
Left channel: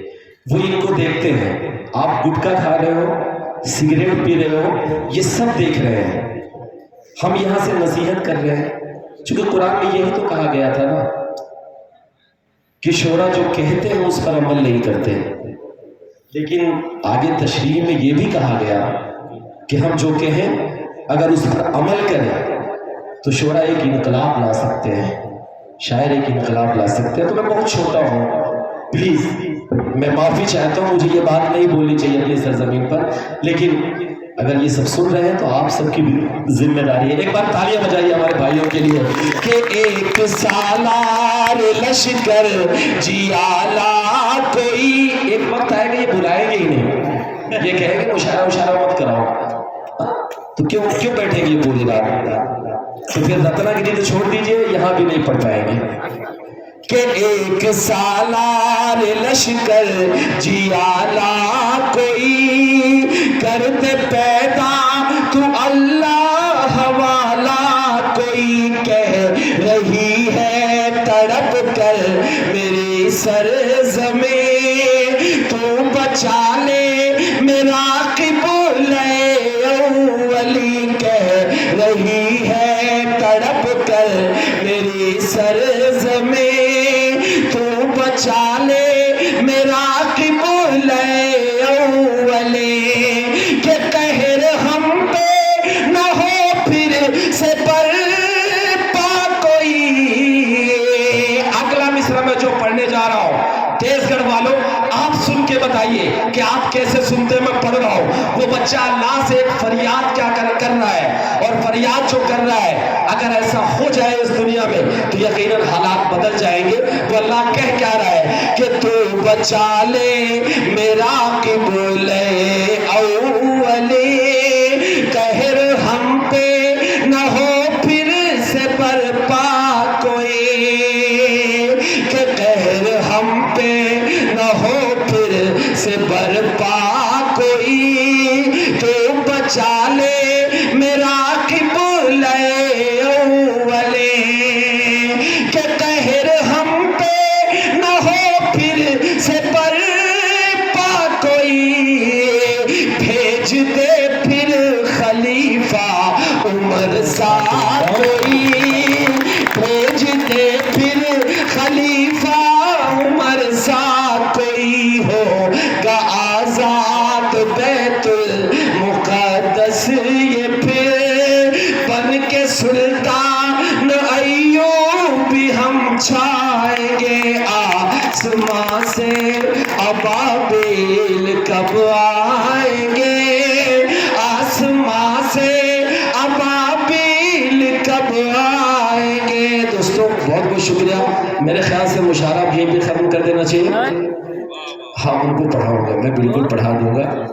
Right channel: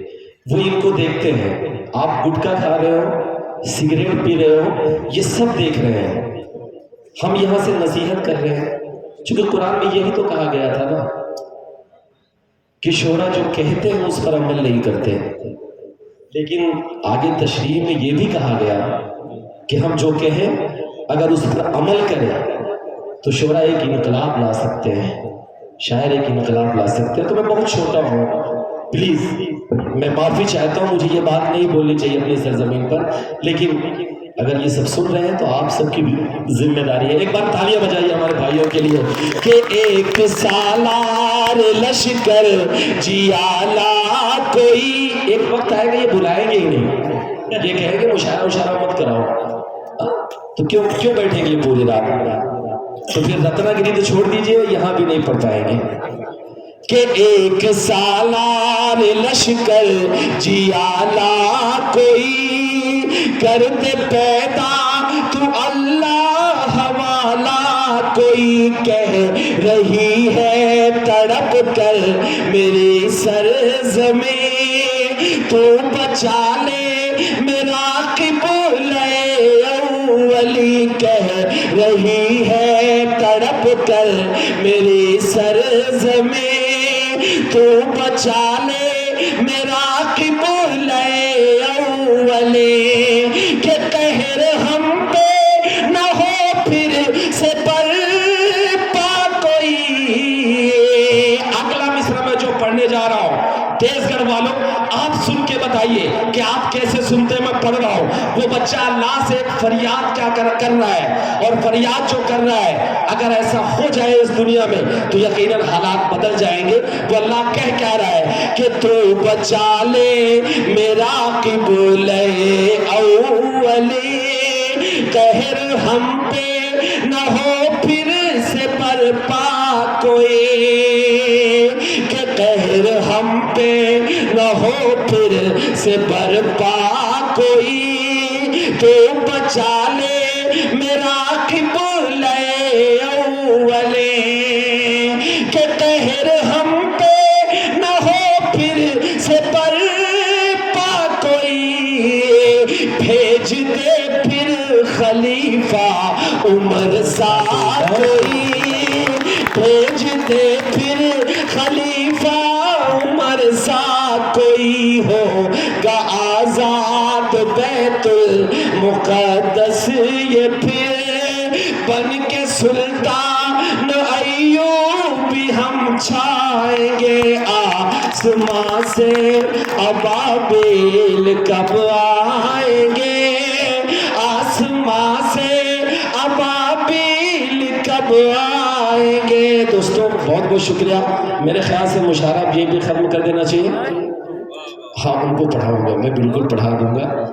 وہ ان کو دیکھتے ہیں. آپ گٹکا کھا رہے ہو، سگریٹ پی رہے ہو، یہ سب دیکھ رہے ہیں. ہم یہاں سے نصیحت کر رہے ہیں، چونکہ قرآن میں یہی تو کہا گیا تھا نا کہ شورا جو کہتے ہیں اس پر عمل نہیں کرتے. لیکن آگے تشریح میں یہ بھی کہا گیا کہ ہم جو کہیں اگر اس پر عمل کریں تو شورا ایک انقلاب لا سکتے ہیں، شاعر ایک انقلاب لا سکتے ہیں. تو میں بہت چھوٹا ہوں، پلیز میں معافی چاہتا ہوں، مجھے یہ بات نہیں بولنی چاہیے اپنی سرزمین پر. لیکن اگر یہ سب سن رہے ہیں تو آپ سب کی ذمہ داری ہے. ایک بار تالیاں بجائیے ہمارے بھائیوں کے لیے کہ ایک سالار لشکر جیالا کوئی. ایک وقت آئے گا یہ بلائیں گے ہی نہیں، یہ کہیں گے مشاعرہ مت کراؤ. تو کیوں بیٹھیں گے پوری رات؟ تو پھر رتنا گری تو چھوڑ دیجئے، یہاں بھی نہیں پڑھ پائیں گے. کہ ایک سالار لشکر جیالا کوئی کر دے پیدا تو اللہ والا کوئی کہہ رہی ہے تڑپ کر میری سرزمین تو بچا لے میرا قبلہ اولی کہہ رہی ہے تڑپ کر میری سرزمین تو بچا لے میرا قبلہ اولی کہ قہر ہم پہ نہ ہو پھر سے برپا کوئی. اگلا مصرع میں جو پڑھنے جا رہا ہوں، تیز گڑھ والوں آپ سن کے بتائیے کہ آپ کیسے سنتے میں پڑھ رہا ہوں. وہ بچہ اللہ سے ایک فریاد کیا کر رہا ہے، اور فریاد جو کر رہا ہے اگر ایسا ہو جائے اس دنیا میں تو یقیناً حالات بدل جائیں گے. تو اللہ کہہ کیا رہا ہے کہ تو بچا لے میرا قبلہ اولی قہر ہم پہ نہ ہو پھر سے برپا کوئی. کہ قہر ہم پہ نہ ہو پھر سے برپا کوئی تو بچا لے میرا قبلہ اولی. کہ قہر ہم پہ نہ ہو پھر سے برپا کوئی بھیج دے پھر خلیفہ عمر سا کوئی. بھیج دے پھر خلیفہ عمر سا کوئی ہو گا آزاد بیت المقدس یہ پھر بن کے سلطان ایوب بھی ہم چھائیں گے. آسماں سے ابابیل کب آئیں گے، آسماں سے ابابیل کب آئیں گے. دوستوں بہت بہت شکریہ. میرے خیال سے مشاعرہ بھی ختم کر دینا چاہیے. ہاں ان کو پڑھاؤں گا، میں بالکل پڑھا دوں گا.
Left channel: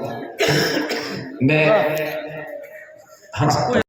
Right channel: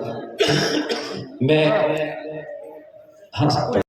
میں ہاں